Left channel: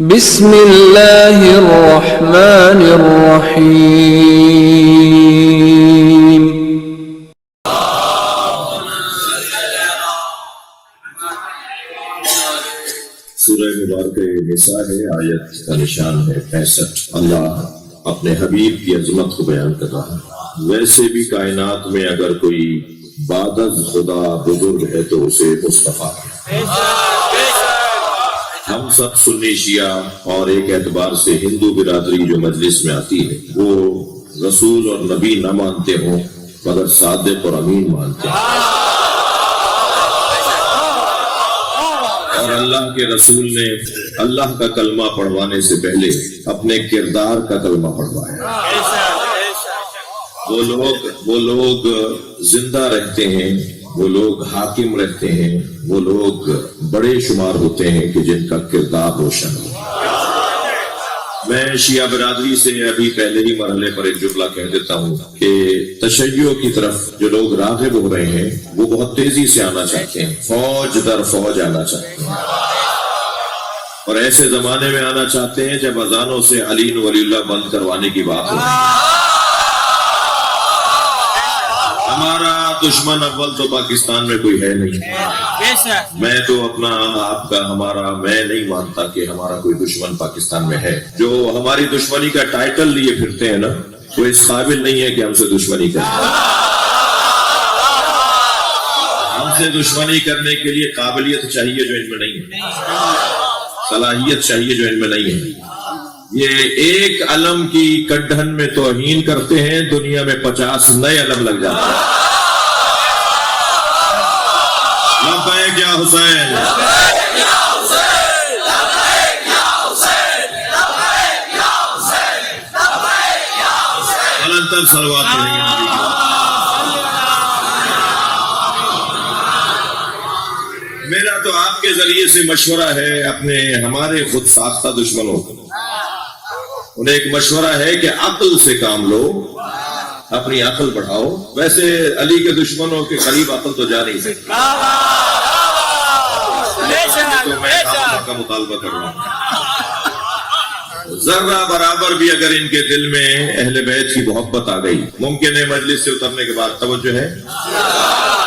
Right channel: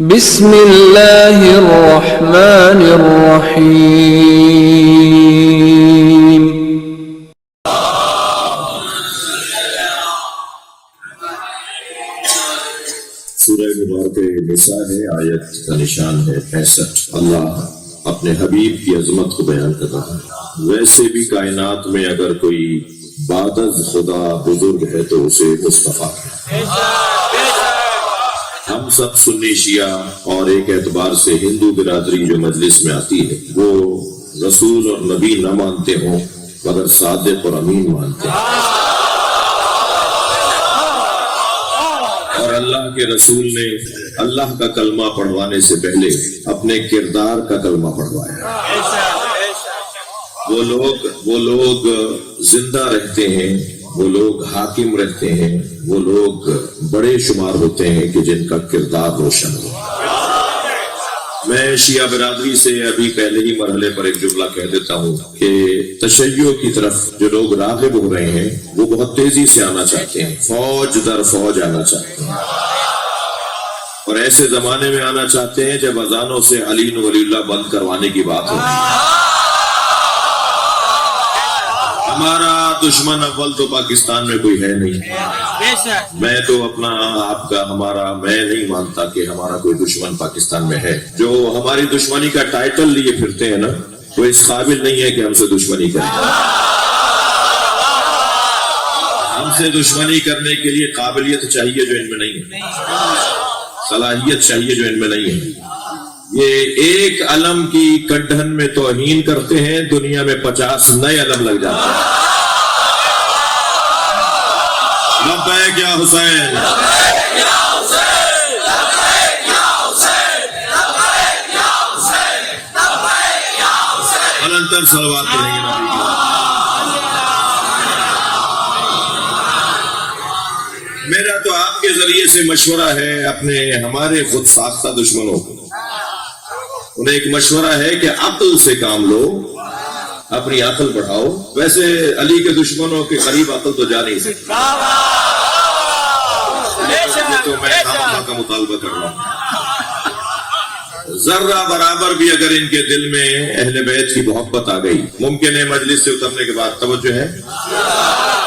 بسم اللہ الرحمن الرحیم سورہ مبارکہ نساء ہے، آیت کا نشان ہے 65۔ اللہ اپنے حبیب کی عظمت کو بیان کر رہا ہے۔ ویسے بھی کائنات میں اگر کوئی بعد از خدا بزرگ ہے تو اسے مصطفیٰ ہے۔ ہم سب سنی شیعہ اور ایک اعتبار سے ہندو برادری جو مجلس میں آتی ہے وہ رسول اور نبی نہ مانتے ہوں مگر صادق اور امین مانتے ہیں، اور اللہ کے رسول نے اللہ کا کلمہ پڑھوانے سے پہلے اپنے کردار کا کلمہ پڑھوایا۔ وہ لوگ زندہ رہتے ہیں، وہ لوگ حاکم رہتے ہیں، وہ لوگ بڑے شمار ہوتے ہیں کہ جن کا کردار روشن ہو۔ میں شیعہ برادری سے ابھی پہلے ہی مرحلے پر ایک جملہ کہہ دیتا ہوں کہ تشیع کی طرف جو لوگ راغب ہو رہے ہیں وہ بہت تیزی سے آنا چاہتے ہیں، فوج در فوج آنا چاہتے ہیں، اور ایسے زمانے میں آنا چاہتے ہیں جب اذانوں سے علی ولی اللہ بند کروانے کی بات ہو۔ ہمارا دشمن اول تو پاکستان میں کوئی ہے نہیں، میں تو اپنا آپ کا ہمارا میں نہیں مانتا کہ ہمارا کوئی دشمن پاکستان میں ہے۔ جو ہماری دشمنی کا ٹائٹل لیے پھرتے ہیں نا وہ اس قابل نہیں ہے کہ ہم سے دشمنی کریں۔ ہم سے دشمنی کرنے کے لیے قابلیت چاہیے جو ان میں نہیں ہے، صلاحیت چاہیے جو ان میں نہیں ہے۔ یہ ایک علم کی کڈھن میں توہین کرتے ہیں، دنیا میں 50 نئے علم لگ جاتے ہیں۔ لبیک یا حسین، النتر صلوات پڑھیں گے۔ میرا تو آپ کے ذریعے سے مشورہ ہے اپنے ہمارے خود ساختہ دشمنوں کو، انہیں ایک مشورہ ہے کہ عقل سے کام لو، اپنی عقل بڑھاؤ۔ ویسے علی کے دشمنوں کے قریب عقل تو جا نہیں سکتی، تو میں کا مطالبہ کر رہا ہوں۔ ذرہ برابر بھی اگر ان کے دل میں اہل بیت کی محبت آ گئی، ممکن ہے مجلس سے اترنے کے بعد، توجہ ہے،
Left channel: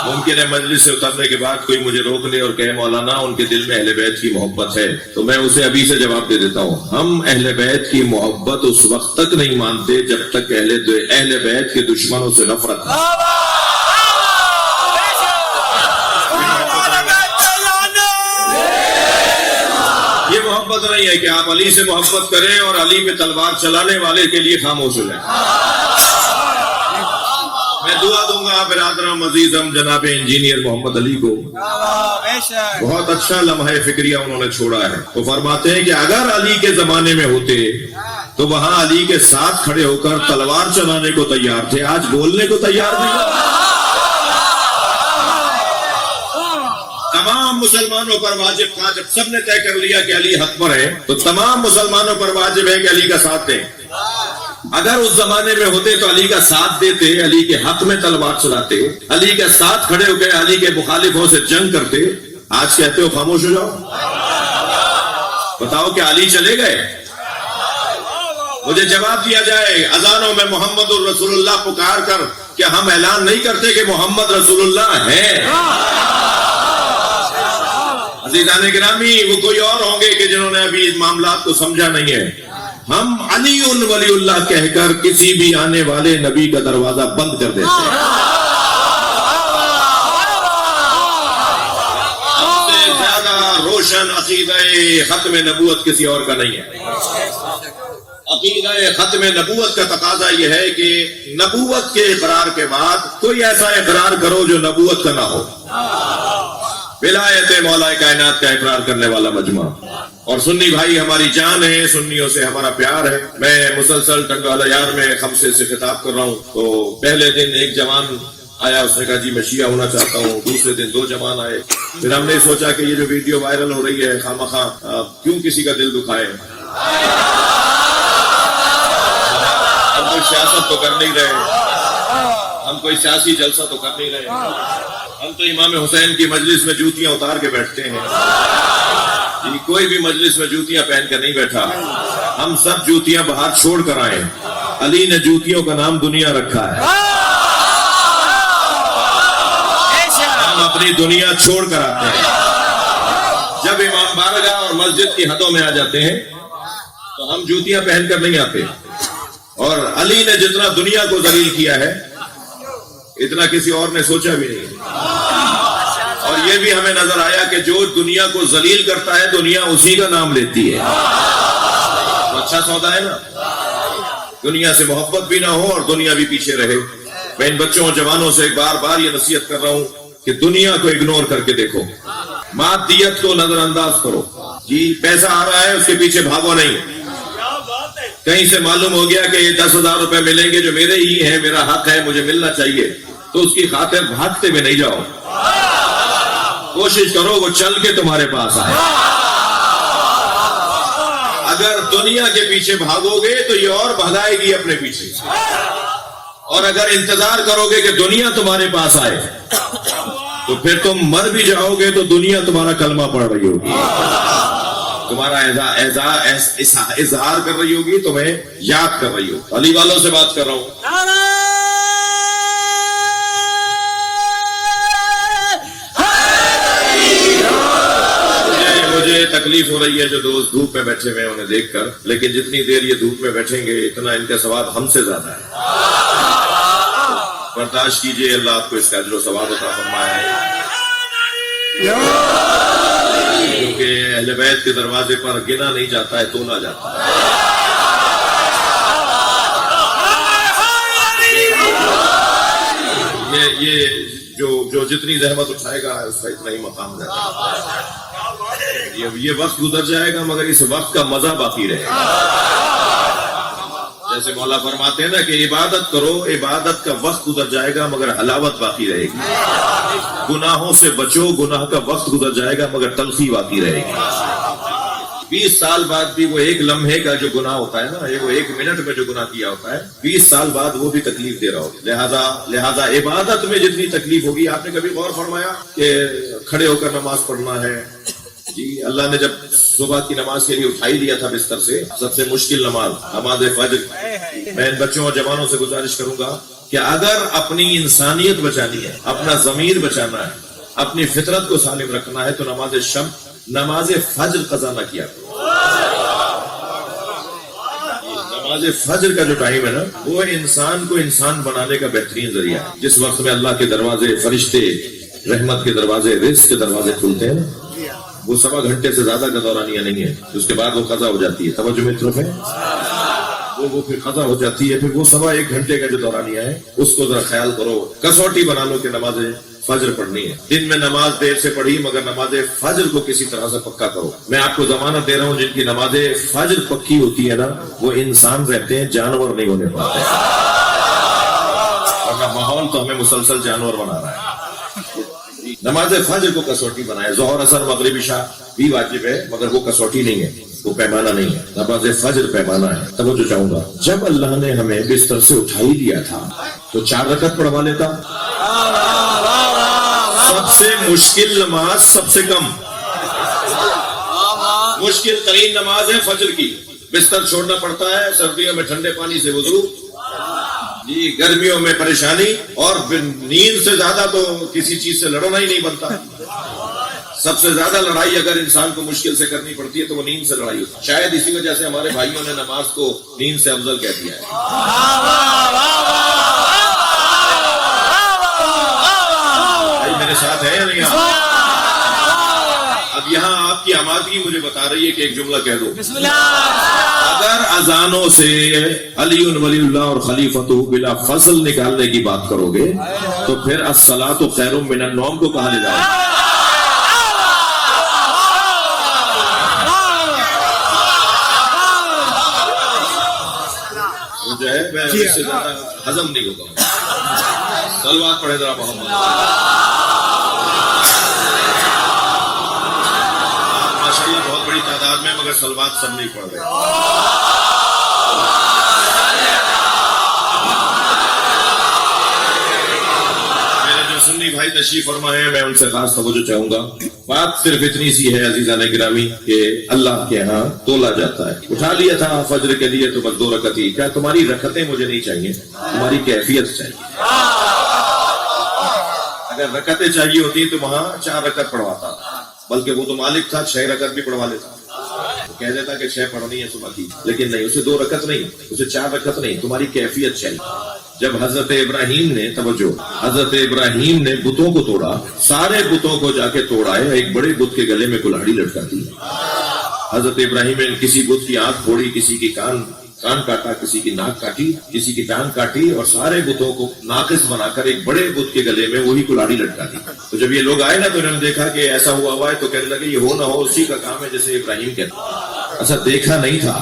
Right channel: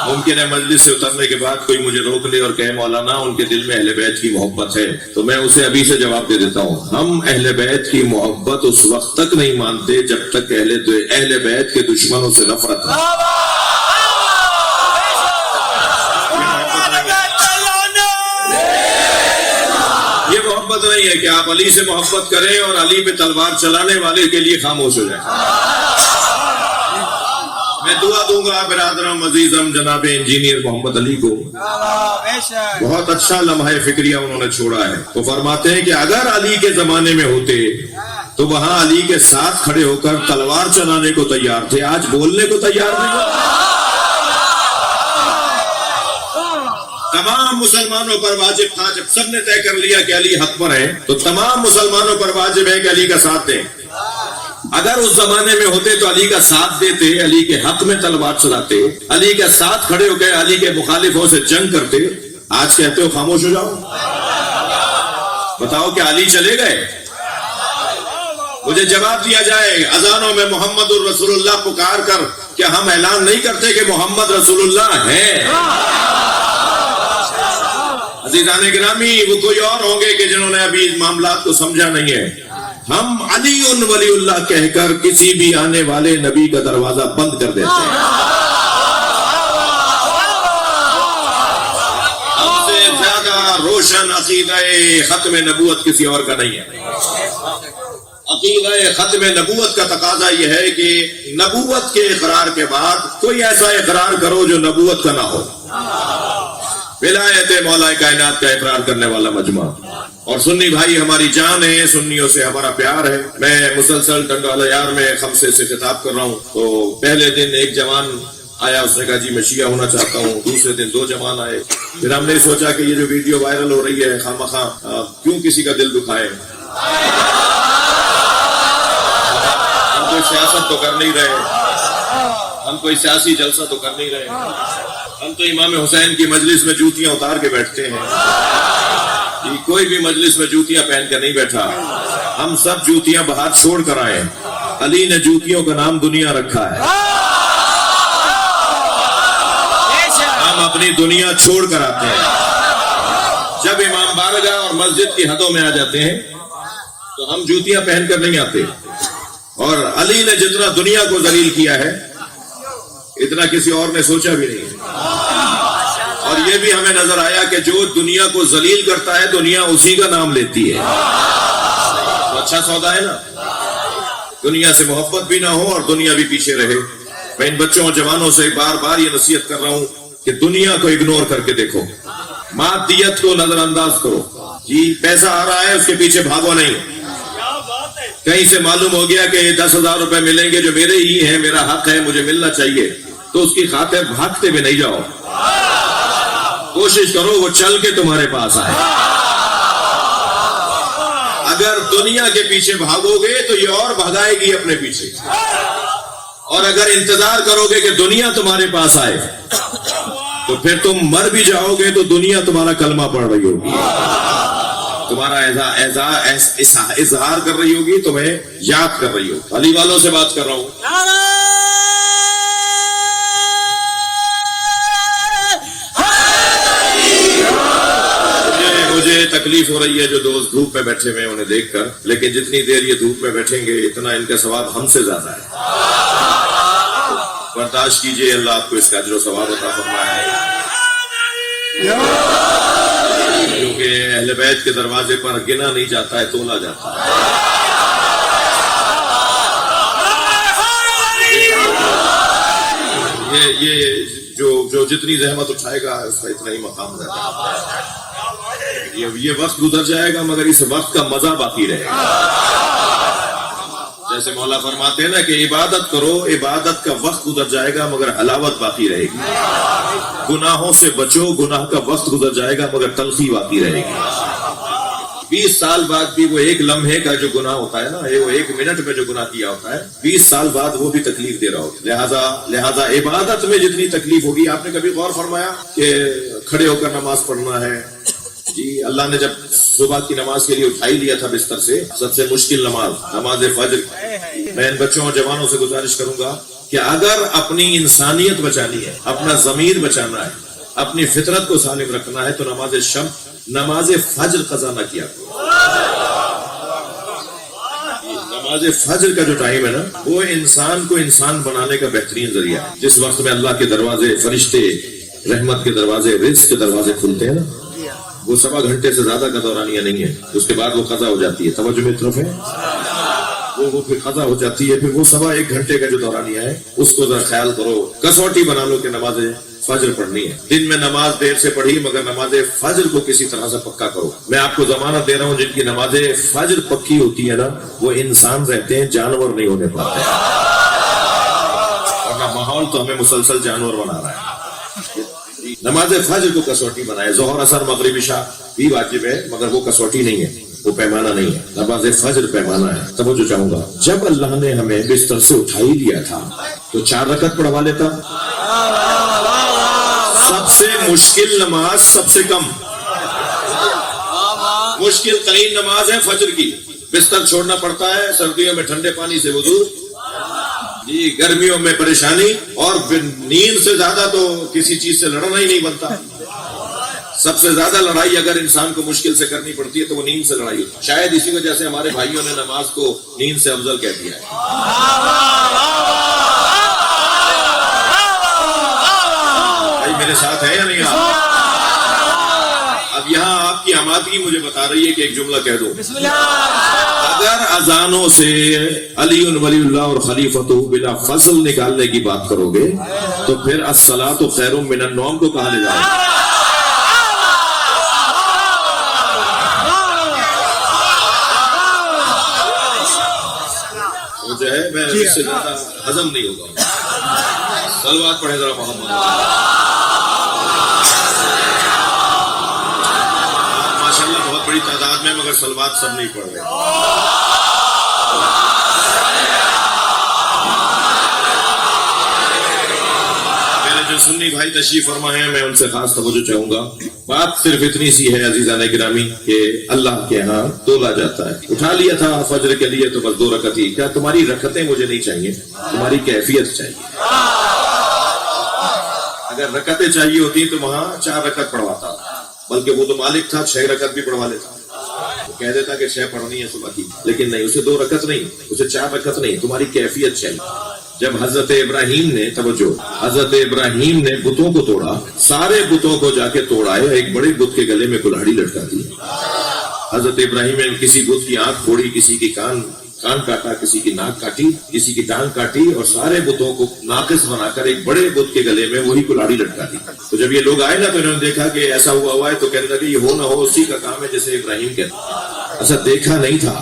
ممکن ہے مجلس سے اترنے کے بعد کوئی مجھے روک لے اور کہے مولانا ان کے دل میں اہل بیت کی محبت ہے، تو میں اسے ابھی سے جواب دے دیتا ہوں، ہم اہل بیت کی محبت اس وقت تک نہیں مانتے جب تک اہل بیت کے دشمنوں سے نفرت ہے۔ یہ محبت نہیں ہے کہ آپ علی سے محبت کریں اور علی پہ تلوار چلانے والے کے لیے خاموش ہو جائیں۔ میں دعا دوں گا برادرم عزیزم جناب انجینئر محمد علی کو، بہت اچھا لمحہ فکریہ انہوں نے چھوڑا ہے۔ وہ فرماتے ہیں کہ اگر علی کے زمانے میں ہوتے تو وہاں علی کے ساتھ کھڑے ہو کر تلوار چلانے کو تیار تھے، آج بولنے کو تیار نہیں۔ تمام مسلمانوں پر واجب تھا، جب سب نے طے کر لیا کہ علی حق پر ہے تو تمام مسلمانوں پر واجب ہے کہ علی کا ساتھ دیں۔ اگر اس زمانے میں ہوتے تو علی کا ساتھ دیتے، علی کے حق میں تلوار چلاتے، علی کے ساتھ کھڑے ہو گئے، علی کے مخالفوں سے جنگ کرتے۔ آج کہتے ہو خاموش ہو جاؤ، بتاؤ کہ علی چلے گئے؟ مجھے جواب دیا جائے، اذانوں میں محمد الرسول اللہ پکار کر کیا ہم اعلان نہیں کرتے کہ محمد رسول اللہ ہے؟ عزیزان گرامی، وہ کوئی اور ہوں گے کہ جنہوں نے ابھی معاملات کو سمجھا نہیں ہے۔ ہم علی ولی اللہ کہہ کر کسی بھی آنے والے نبی کا دروازہ بند کر دیتے ہیں۔ ہم سے زیادہ روشن عقیدہ ختم نبوت کسی اور کا نہیں ہے۔ عقیدہ ختم نبوت کا تقاضا یہ ہے کہ نبوت کے اقرار کے بعد کوئی ایسا اقرار کرو جو نبوت کا نہ ہو۔ ولایت مولا کائنات کا اقرار کرنے والا مجمع، اور سنی بھائی ہماری جان ہے، سنیوں سے ہمارا پیار ہے۔ میں مسلسل ٹنگالہ یار میں خمسے سے خطاب کر رہا ہوں، تو پہلے دن ایک جوان آیا، اس نے کہا جی میں شیعہ ہونا چاہتا ہوں، دوسرے دن 2 جوان آئے، پھر ہم نے سوچا کہ یہ جو ویڈیو وائرل ہو رہی ہے خامخواہ کیوں کسی کا دل دکھائے، ہم کوئی سیاست تو کر نہیں رہے، ہم کوئی سیاسی جلسہ تو کر نہیں رہے، ہم تو امام حسین کی مجلس میں جوتیاں اتار کے بیٹھتے ہیں۔ کوئی بھی مجلس میں جوتیاں پہن کر نہیں بیٹھا، ہم سب جوتیاں باہر چھوڑ کر آئے ہیں۔ علی نے جوتیوں کا نام دنیا رکھا ہے، ہم اپنی دنیا چھوڑ کر آتے ہیں۔ جب امام بارگاہ اور مسجد کی حدوں میں آ جاتے ہیں تو ہم جوتیاں پہن کر نہیں آتے، اور علی نے جتنا دنیا کو ذلیل کیا ہے اتنا کسی اور نے سوچا بھی نہیں ہے۔ اور یہ بھی ہمیں نظر آیا کہ جو دنیا کو ذلیل کرتا ہے دنیا اسی کا نام لیتی ہے۔ اچھا سودا ہے نا، دنیا سے محبت بھی نہ ہو اور دنیا بھی پیچھے رہے۔ میں ان بچوں اور جوانوں سے بار بار یہ نصیحت کر رہا ہوں کہ دنیا کو اگنور کر کے دیکھو، مادیت کو نظر انداز کرو۔ جی پیسہ آ رہا ہے اس کے پیچھے بھاگو نہیں۔ کہیں سے معلوم ہو گیا کہ یہ 10,000 روپے ملیں گے جو میرے ہی ہیں، میرا حق ہے، مجھے ملنا چاہیے، تو اس کی خاطر بھاگتے میں نہیں جاؤ، کوشش کرو وہ چل کے تمہارے پاس آئے۔ اگر دنیا کے پیچھے بھاگو گے تو یہ اور بھگائے گی اپنے پیچھے، اور اگر انتظار کرو گے کہ دنیا تمہارے پاس آئے تو پھر تم مر بھی جاؤ گے تو دنیا تمہارا کلمہ پڑھ رہی ہوگی، تمہارا اظہار کر رہی ہوگی، تمہیں یاد کر رہی ہوگی۔ علی والوں سے بات کر رہا ہوں، مجھے تکلیف ہو رہی ہے جو دوست دھوپ میں بیٹھے ہوئے ہیں انہیں دیکھ کر، لیکن جتنی دیر یہ دھوپ میں بیٹھیں گے اتنا ان کا ثواب ہم سے زیادہ ہے۔ برداشت کیجیے، اللہ آپ کو اس کا اجر و ثواب عطا فرمائے، کیونکہ اہل بیت کے دروازے پر گنا نہیں جاتا ہے، تولا جاتا ہے۔ یہ جو جتنی زحمت اٹھائے گا اس کا اتنا ہی مقام رہتا ہے۔ یہ وقت گزر جائے گا مگر اس وقت کا مزہ باقی رہے گا۔ جیسے مولا فرماتے ہیں نا کہ عبادت کرو، عبادت کا وقت گزر جائے گا مگر حلاوت باقی رہے گی۔ گناہوں سے بچو، گناہ کا وقت گزر جائے گا مگر تلخی باقی رہے گی۔ 20 سال بعد بھی وہ ایک لمحے کا جو گناہ ہوتا ہے نا، وہ ایک منٹ میں جو گناہ کیا ہوتا ہے 20 سال بعد وہ بھی تکلیف دے رہا ہوگا۔ لہذا عبادت میں جتنی تکلیف ہوگی، آپ نے کبھی غور فرمایا کہ کھڑے ہو کر نماز پڑھنا ہے؟ جی اللہ نے جب صبح کی نماز کے لیے اٹھائی دیا تھا بستر سے، سب سے مشکل نماز فجر۔ میں ان بچوں اور جوانوں سے گزارش کروں گا کہ اگر اپنی انسانیت بچانی ہے، اپنا ضمیر بچانا ہے، اپنی فطرت کو سالم رکھنا ہے تو نماز فجر قضا نہ کیا کرو۔ نماز فجر کا جو ٹائم ہے نا، وہ انسان کو انسان بنانے کا بہترین ذریعہ ہے۔ جس وقت میں اللہ کے دروازے، فرشتے، رحمت کے دروازے، رزق کے دروازے کھلتے ہیں نا، وہ 1.25 گھنٹے سے زیادہ کا دورانیہ نہیں ہے، اس کے بعد وہ قضا ہو جاتی ہے۔ توجہ متروں میں وہ پھر قضا ہو جاتی ہے، پھر وہ 1.25 گھنٹے کا جو دورانیہ ہے اس کو ذرا خیال کرو، کسوٹی بنا لو کہ نماز فجر پڑھنی ہے۔ دن میں نماز دیر سے پڑھی مگر نماز فجر کو کسی طرح سے پکا کرو۔ میں آپ کو ضمانت دے رہا ہوں جن کی نماز فجر پکی ہوتی ہے نا، وہ انسان رہتے ہیں، جانور نہیں ہونے پاتے۔ اور ماحول تو ہمیں مسلسل جانور بنا رہا ہے۔ نماز فجر کو کسوٹی بنائے، ظہر اثر مغرب عشاء بھی واجب ہے مگر وہ کسوٹی نہیں ہے، وہ پیمانہ نہیں ہے، نماز فجر پیمانہ ہے۔ توجہ چاہوں گا، جب اللہ نے ہمیں بستر سے اٹھائی دیا تھا تو 4 رکعت پڑھوا لیتا۔ سب سے مشکل نماز، سب سے کم مشکل ترین نماز ہے فجر کی۔ بستر چھوڑنا پڑتا ہے، سردیوں میں ٹھنڈے پانی سے وضو، جی گرمیوں میں پریشانی، اور نیند سے زیادہ تو کسی چیز سے لڑنا ہی نہیں بنتا۔ سب سے زیادہ لڑائی اگر انسان کو مشکل سے کرنی پڑتی ہے تو وہ نیند سے لڑائی ہوتی ہے۔ شاید اسی وجہ سے ہمارے بھائیوں نے نماز کو نیند سے افضل کہہ دیا ہے۔ میرے ساتھ ہے یا نہیں آپ؟ اب یہاں آپ کی آمادگی مجھے بتا رہی ہے کہ ایک جملہ کہہ دو۔ اگر اذانوں سے علی ولی اللہ اور خلیفۃ بلا فصل نکالنے کی بات کرو گے تو پھر الصلاۃ خیر من النوم کو کہاں لے جاؤ گے؟ جو ہے میں اس سے زیادہ ہضم نہیں ہوگا۔ صلوات پڑھے ذرا محمد۔ ماشاءاللہ بہت بڑی تعداد میں، مگر صلوات سب نہیں پڑھ رہے۔ میرے جو سنی بھائی تشریف فرما ہے، میں ان سے خاص توجہ چاہوں گا. بات صرف اتنی سی ہے عزیزان گرامی کہ اللہ کے ہاں تولا جاتا ہے. اٹھا لیا تھا فجر کے لیے تو بس 2 رکعت ہی. کیا تمہاری رکعتیں مجھے نہیں چاہیے، تمہاری کیفیت چاہیے. اگر رکعتیں چاہیے ہوتی تو وہاں 4 رکعت پڑھواتا، بلکہ وہ تو مالک تھا 6 رکعت بھی پڑھوا لیتا. کہہ دیتا کہ 6 پڑھنی ہے صبح کی، لیکن نہیں، اسے 2 رکعت نہیں، اسے 4 رکعت نہیں، تمہاری کیفیت چاہیے. جب حضرت ابراہیم نے حضرت ابراہیم نے بتوں کو توڑا، سارے بتوں کو جا کے توڑایا، ایک بڑے بت کے گلے میں کلہاڑی لٹکا دی. حضرت ابراہیم نے کسی بت کی آنکھ پھوڑی، کسی کی کان کاٹا، کسی کی ناک کاٹی، کسی کی ٹانگ کاٹی، اور سارے بتوں کو ناقص بنا کر ایک بڑے بت کے گلے میں وہی کلہاڑی لٹکا دی. تو جب یہ لوگ آئے نا تو انہوں نے دیکھا کہ ایسا ہوا ہے، تو کہنے لگے یہ ہو نہ ہو اسی کا کام ہے جیسے ابراہیم کہتے. ایسا دیکھا نہیں تھا،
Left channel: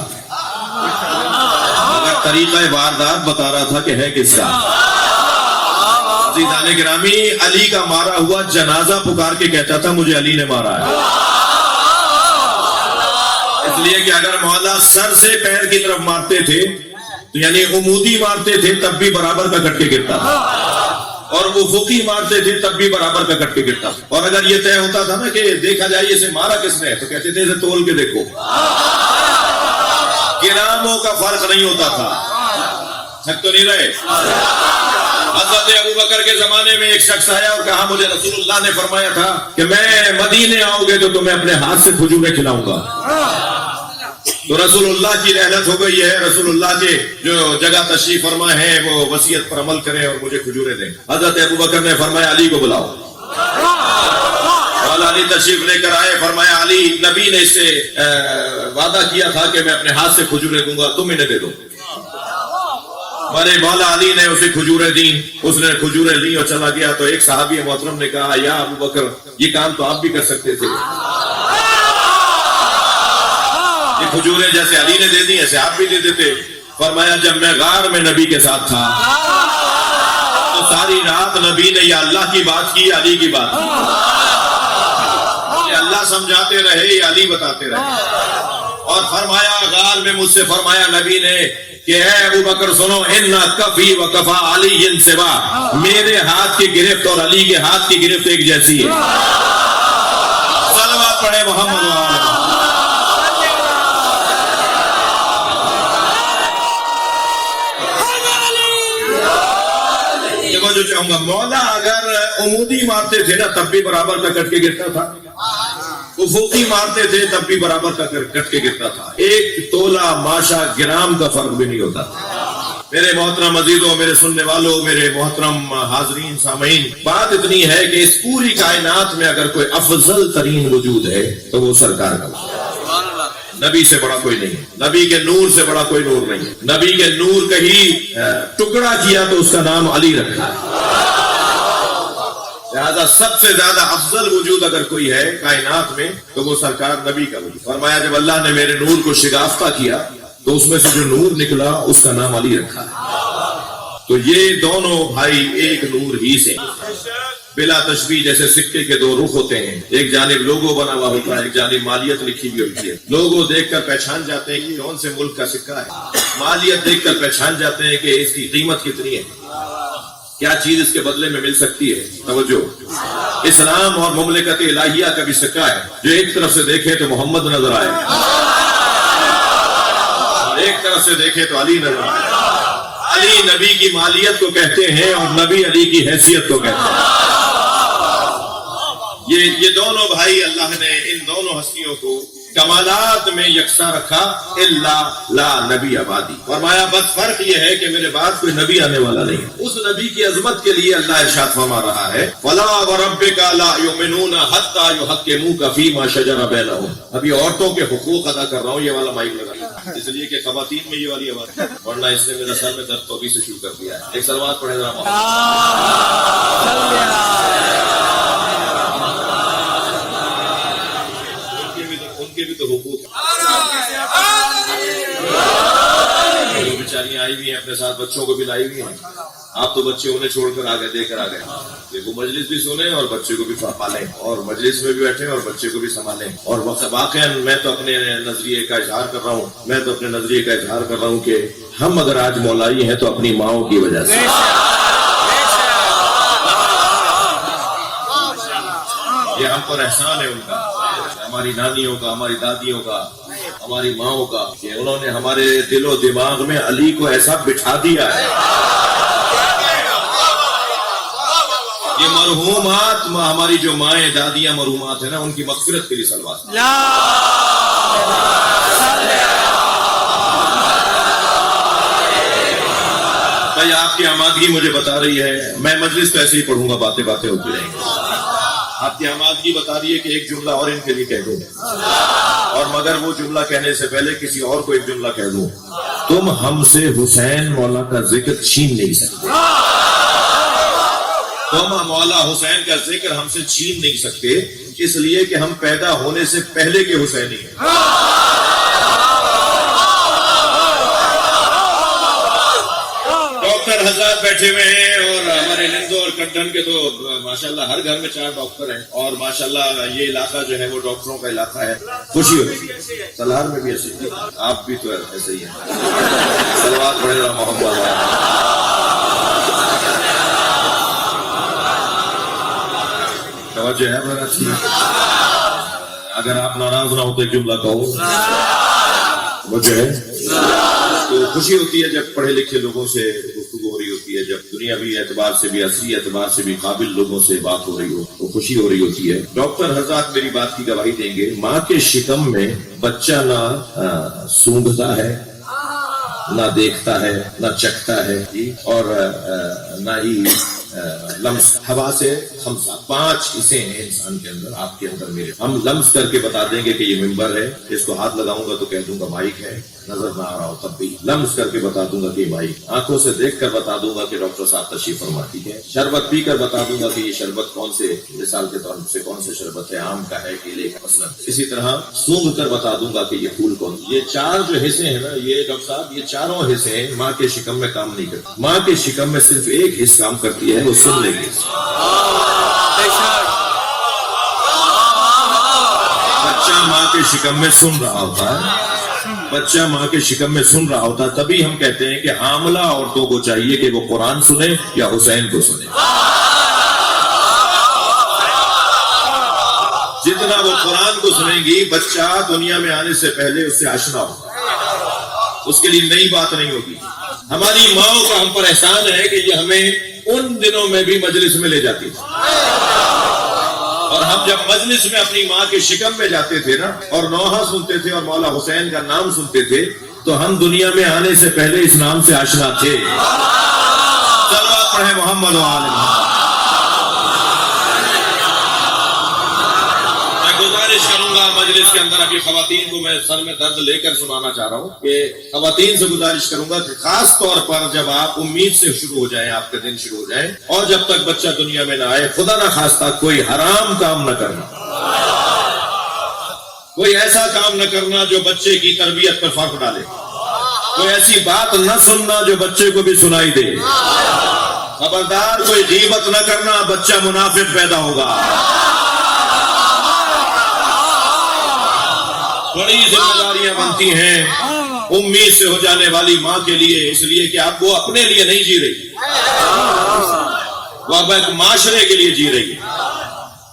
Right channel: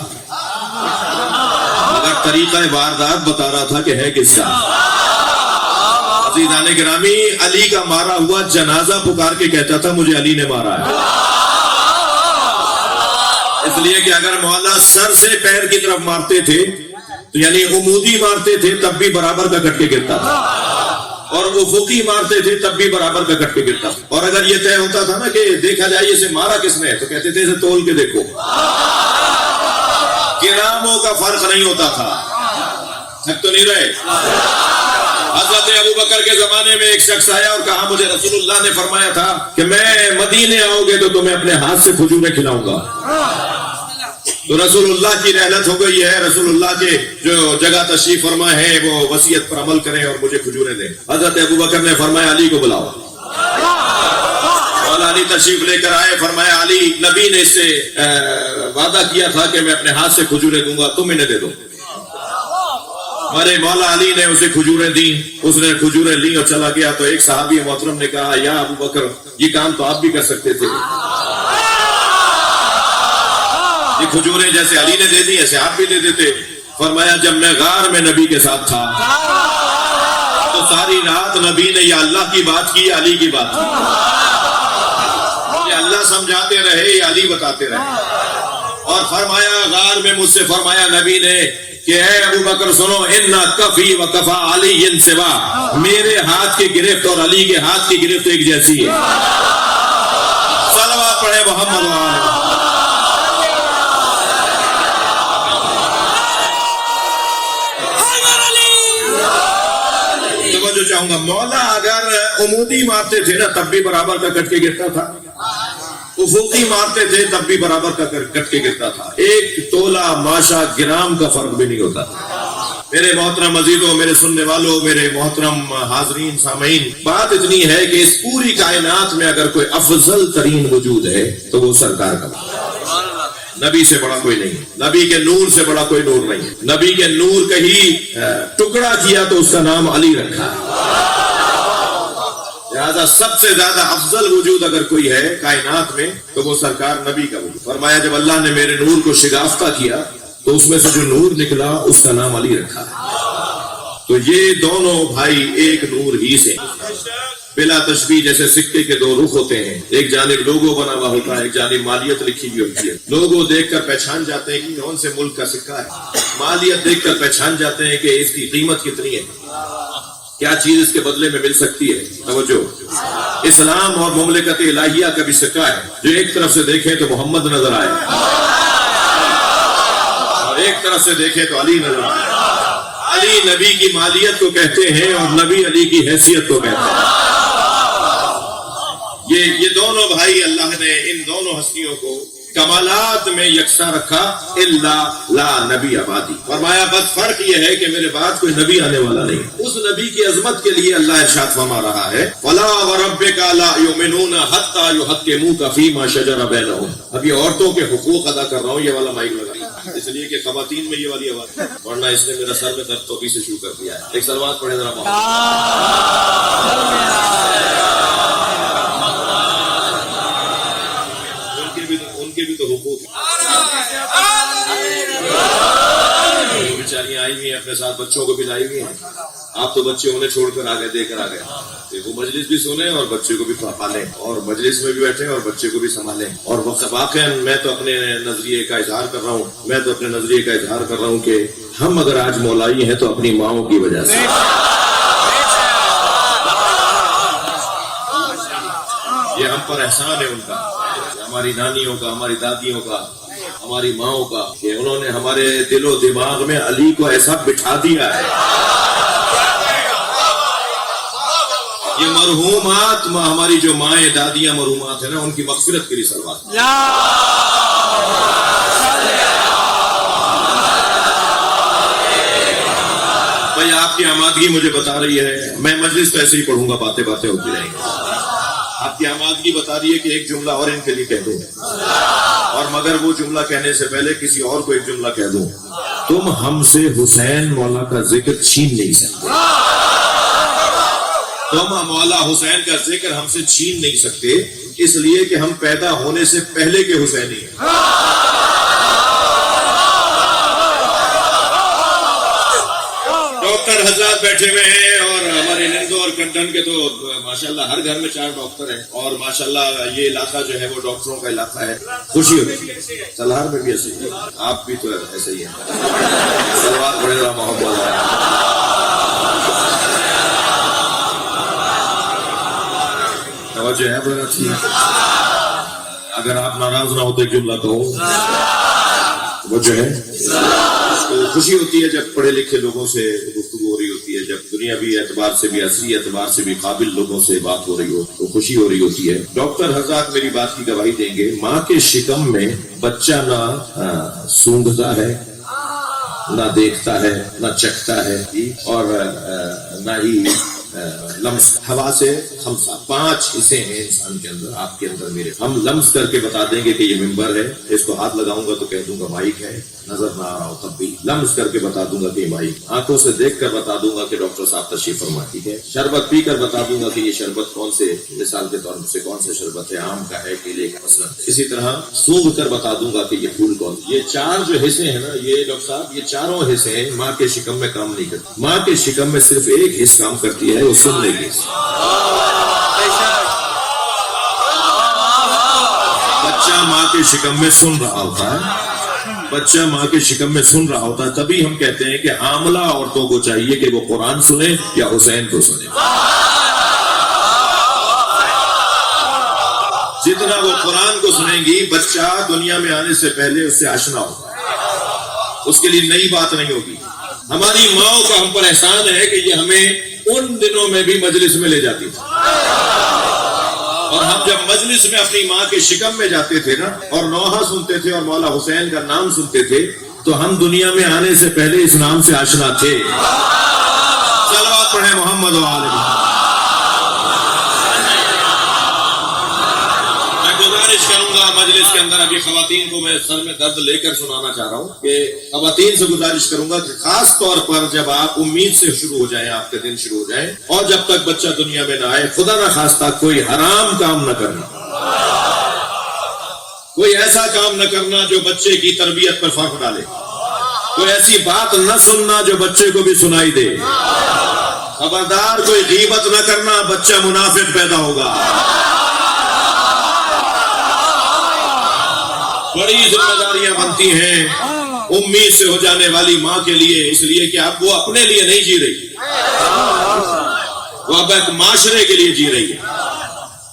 مگر طریقہ واردات بتا رہا تھا کہ ہے کس کا. عزیزان گرامی، علی کا مارا ہوا جنازہ پکار کے کہتا تھا مجھے علی نے مارا ہے. اس لیے کہ اگر مولا سر سے پیر کی طرف مارتے تھے تو یعنی عمودی مارتے تھے تب بھی برابر کا کٹ کے گرتا تھا، اور افقی مارتے تھے تب بھی برابر کا کٹ کے گرتا تھا. اور اگر یہ طے ہوتا تھا نا کہ دیکھا جائے اسے مارا کس نے، تو کہتے تھے اسے تول کے دیکھو. گراموں کا فرق نہیں ہوتا تھا. تھک تو نہیں رہے؟ حضرت ابوبکر کے زمانے میں ایک شخص آیا اور کہا مجھے رسول اللہ نے فرمایا تھا کہ میں مدینے آؤ گے تو تمہیں اپنے ہاتھ سے کھجوریں کھلاؤں گا. تو رسول اللہ کی رحلت ہو گئی ہے، رسول اللہ کے جو جگہ تشریف فرما ہے وہ وصیت پر عمل کریں اور مجھے کھجوریں دیں. حضرت ابوبکر نے فرمایا علی کو بلاؤ. مولا علی تشریف لے کر آئے. فرمایا علی، نبی نے اس سے وعدہ کیا تھا کہ میں اپنے ہاتھ سے کھجوریں دوں گا، تم انہیں دے دو. ہمارے مولا علی نے اسے کھجوریں دی، اس نے کھجوریں لی اور چلا گیا. تو ایک صحابی محترم نے کہا یا ابوبکر یہ کام تو آپ بھی کر سکتے تھے، یہ کھجوریں جیسے علی نے دے دی ایسے آپ بھی دے دیتے. فرمایا جب میں غار میں نبی کے ساتھ تھا تو ساری رات نبی نے یا اللہ کی بات کی یا علی کی بات کی. یہ اللہ سمجھاتے رہے یا علی بتاتے رہے. اور فرمایا غار میں مجھ سے فرمایا نبی نے کہ اے ابوبکر سنو، اِنَّ کَفِي وَكَفَى عَلِيٍّ سِوَا، میرے ہاتھ کی گرفت اور علی کے ہاتھ کی گرفت ایک جیسی ہے. صلوات پڑھے محمد. جو چاہوں گا مولا اگر عمودی مارتے تھے نا تب بھی برابر کا کٹ کے گرتا تھا، افقی مارتے تھے تب بھی برابر کا کٹ کے گرتا تھا. ایک تولا ماشا گرام کا فرق بھی نہیں ہوتا. میرے محترم عزیزوں، میرے سننے والوں، میرے محترم حاضرین سامعین، بات اتنی ہے کہ اس پوری کائنات میں اگر کوئی افضل ترین وجود ہے تو وہ سرکار کا. نبی سے بڑا کوئی نہیں، نبی کے نور سے بڑا کوئی نور نہیں. نبی کے نور کا ہی ٹکڑا کیا تو اس کا نام علی رکھا. لہذا سب سے زیادہ افضل وجود اگر کوئی ہے کائنات میں تو وہ سرکار نبی کا وجود. فرمایا جب اللہ نے میرے نور کو شگافتہ کیا تو اس میں سے جو نور نکلا اس کا نام علی رکھا. تو یہ دونوں بھائی ایک نور ہی سے، بلا تشبیہ. جیسے سکے کے 2 رخ ہوتے ہیں، ایک جانب لوگو بنا ہوا ہوتا ہے، ایک جانب مالیت لکھی ہوئی ہوتی ہے. لوگو دیکھ کر پہچان جاتے ہیں کہ کون سے ملک کا سکہ ہے، مالیت دیکھ کر پہچان جاتے ہیں کہ اس کی قیمت کتنی ہے، کیا چیز اس کے بدلے میں مل سکتی ہے. توجہ، اسلام اور مملکت الہیہ کا بھی سکہ ہے. جو ایک طرف سے دیکھے تو محمد نظر آئے اور ایک طرف سے دیکھے تو علی نظر آئے. علی نبی کی مالیت کو کہتے ہیں اور نبی علی کی حیثیت کو کہتے ہیں. یہ دونوں بھائی اللہ نے ان دونوں ہستیوں کو کمالات میں یکساں رکھا. الا لا نبی آبادی. فرمایا بس فرق یہ ہے کہ میرے بعد کوئی نبی آنے والا نہیں. اس نبی کی عظمت کے لیے اللہ ارشاد فرما رہا ہے فلا وربک لا یؤمنون حتی یحکموک فیما شجر بینہم. اب یہ عورتوں کے حقوق ادا کر رہا ہوں، یہ والا مائک لگا اس لیے کہ خواتین میں یہ والی آواز، ورنہ اس نے میرا سر میں درد توبہ سے شروع کر دیا ہے. ایک سلوات پڑھے ذرا. ان کے بھی تو حقوق بیچاریاں آئی ہوئی ہیں، اپنے ساتھ بچوں کو بھی لائی ہوئی ہیں. آپ تو بچے انہیں چھوڑ کر آگے دے کر آ گئے. وہ مجلس بھی سنیں اور بچے کو بھی پالیں، اور مجلس میں بھی بیٹھیں اور بچے کو بھی سنبھالیں. اور واقعا میں تو اپنے نظریے کا اظہار کر رہا ہوں کہ ہم اگر آج مولائی ہیں تو اپنی ماؤں کی وجہ سے. پر احسان ہے ان کا، ہماری نانیوں کا، ہماری دادیوں کا، ہماری ماؤں کا، کہ انہوں نے ہمارے دل و دماغ میں علی کو ایسا بٹھا دیا ہے. یہ مرحومات ہماری جو مائیں دادیاں مرحومات ہیں نا، ان کی مغفرت کے لیے صلوات. بھائی آپ کی آمادگی مجھے بتا رہی ہے، میں مجلس تو ایسے ہی پڑھوں گا، باتیں باتیں ہوتی رہیں گی. آپ کی آمادگی بتا رہی ہے کہ ایک جملہ اور ان کے لیے کہہ دوں، اور مگر وہ جملہ کہنے سے پہلے کسی اور کو ایک جملہ کہہ دوں. تم ہم سے حسین مولا کا ذکر چھین نہیں سکتے. تم مولا حسین کا ذکر ہم سے چھین نہیں سکتے، اس لیے کہ ہم پیدا ہونے سے پہلے کے حسینی ہیں. ڈاکٹر حضرات بیٹھے ہوئے ہیں، اور ہمارے نندو اور کنٹن کے تو ماشاءاللہ ہر گھر میں 4 ڈاکٹر ہیں، اور ماشاءاللہ یہ علاقہ جو ہے وہ ڈاکٹروں کا علاقہ ہے. خوشی ہوتی ہے. سلہار میں بھی ایسے ہی، آپ بھی تو ایسے ہی ہیں. سلوات بڑھ رہا ہوں. توجہ ہے ذرا اچھی. اگر آپ ناراض نہ ہو تو ایک جملہ کہو. وہ جو ہے تو خوشی ہوتی ہے جب پڑھے لکھے لوگوں سے گفتگو ہو رہی ہوتی ہے، جب دنیاوی اعتبار سے بھی عصری اعتبار سے بھی قابل لوگوں سے بات ہو رہی ہو تو خوشی ہو رہی ہوتی ہے. ڈاکٹر حضرات میری بات کی گواہی دیں گے، ماں کے شکم میں بچہ نہ سونگھتا ہے، نہ دیکھتا ہے، نہ چکھتا ہے، اور نہ ہی لمس. ہوا سے خمسہ 5 حصے ہیں انسان کے اندر، آپ کے اندر میرے. ہم لمس کر کے بتا دیں گے کہ یہ ممبر ہے، اس کو ہاتھ لگاؤں گا تو کہہ دوں گا مائک ہے، نظر نہ آ رہا ہو تب بھی لمس کر کے بتا دوں گا کہ یہ مائک. آنکھوں سے دیکھ کر بتا دوں گا کہ ڈاکٹر صاحب تشریف فرما، ٹھیک ہے. شربت پی کر بتا دوں گا کہ یہ شربت کون سے مثال کے طور سے کون سے شربت ہے، آم کا ہے، کیلے کا مثلا. اسی طرح سونگھ کر بتا دوں گا کہ یہ پھول کون. یہ 4 جو حصے ہیں نا، یہ ڈاکٹر صاحب یہ چاروں حصے ہیں ماں کے شکم میں کام نہیں کرتے. ماں کے شکم میں صرف ایک حصہ کام کرتی ہے، وہ سن لے گی. بچہ ماں کے شکم میں سن رہا ہوتا ہے، بچہ ماں کے شکم میں سن رہا ہوتا ہے. تبھی ہم کہتے ہیں کہ حاملہ عورتوں کو چاہیے کہ وہ قرآن سنیں یا حسین کو سنیں. جتنا وہ قرآن کو سنیں گی، بچہ دنیا میں آنے سے پہلے اس سے آشنا ہوگا، اس کے لیے نئی بات نہیں ہوگی. ہماری ماؤں کا ہم پر احسان ہے کہ یہ ہمیں ان دنوں میں بھی مجلس میں لے جاتی تھی، اور ہم جب مجلس میں اپنی ماں کے شکم میں جاتے تھے نا، اور نوحہ سنتے تھے اور مولا حسین کا نام سنتے تھے، تو ہم دنیا میں آنے سے پہلے اس نام سے آشنا تھے. صلوات پڑھیں محمد و آل محمد. گزارش کروں گا مجلس کے اندر، ابھی خواتین کو میں سر میں درد لے کر سنانا چاہ رہا ہوں کہ خواتین سے گزارش کروں گا کہ خاص طور پر جب آپ امید سے شروع ہو جائیں، آپ کے دن شروع ہو جائیں، اور جب تک بچہ دنیا میں نہ آئے، خدا نہ خواستہ کوئی حرام کام نہ کرنا، کوئی ایسا کام نہ کرنا جو بچے کی تربیت پر فرق ڈالے، کوئی ایسی بات نہ سننا جو بچے کو بھی سنائی دے. خبردار کوئی غیبت نہ کرنا، بچہ منافق پیدا ہوگا. بڑی ذمہ داریاں بنتی ہیں امید سے ہو جانے والی ماں کے لیے، اس لیے کہ اب وہ اپنے لیے نہیں جی رہی، وہ اب ایک معاشرے کے لیے جی رہی ہے،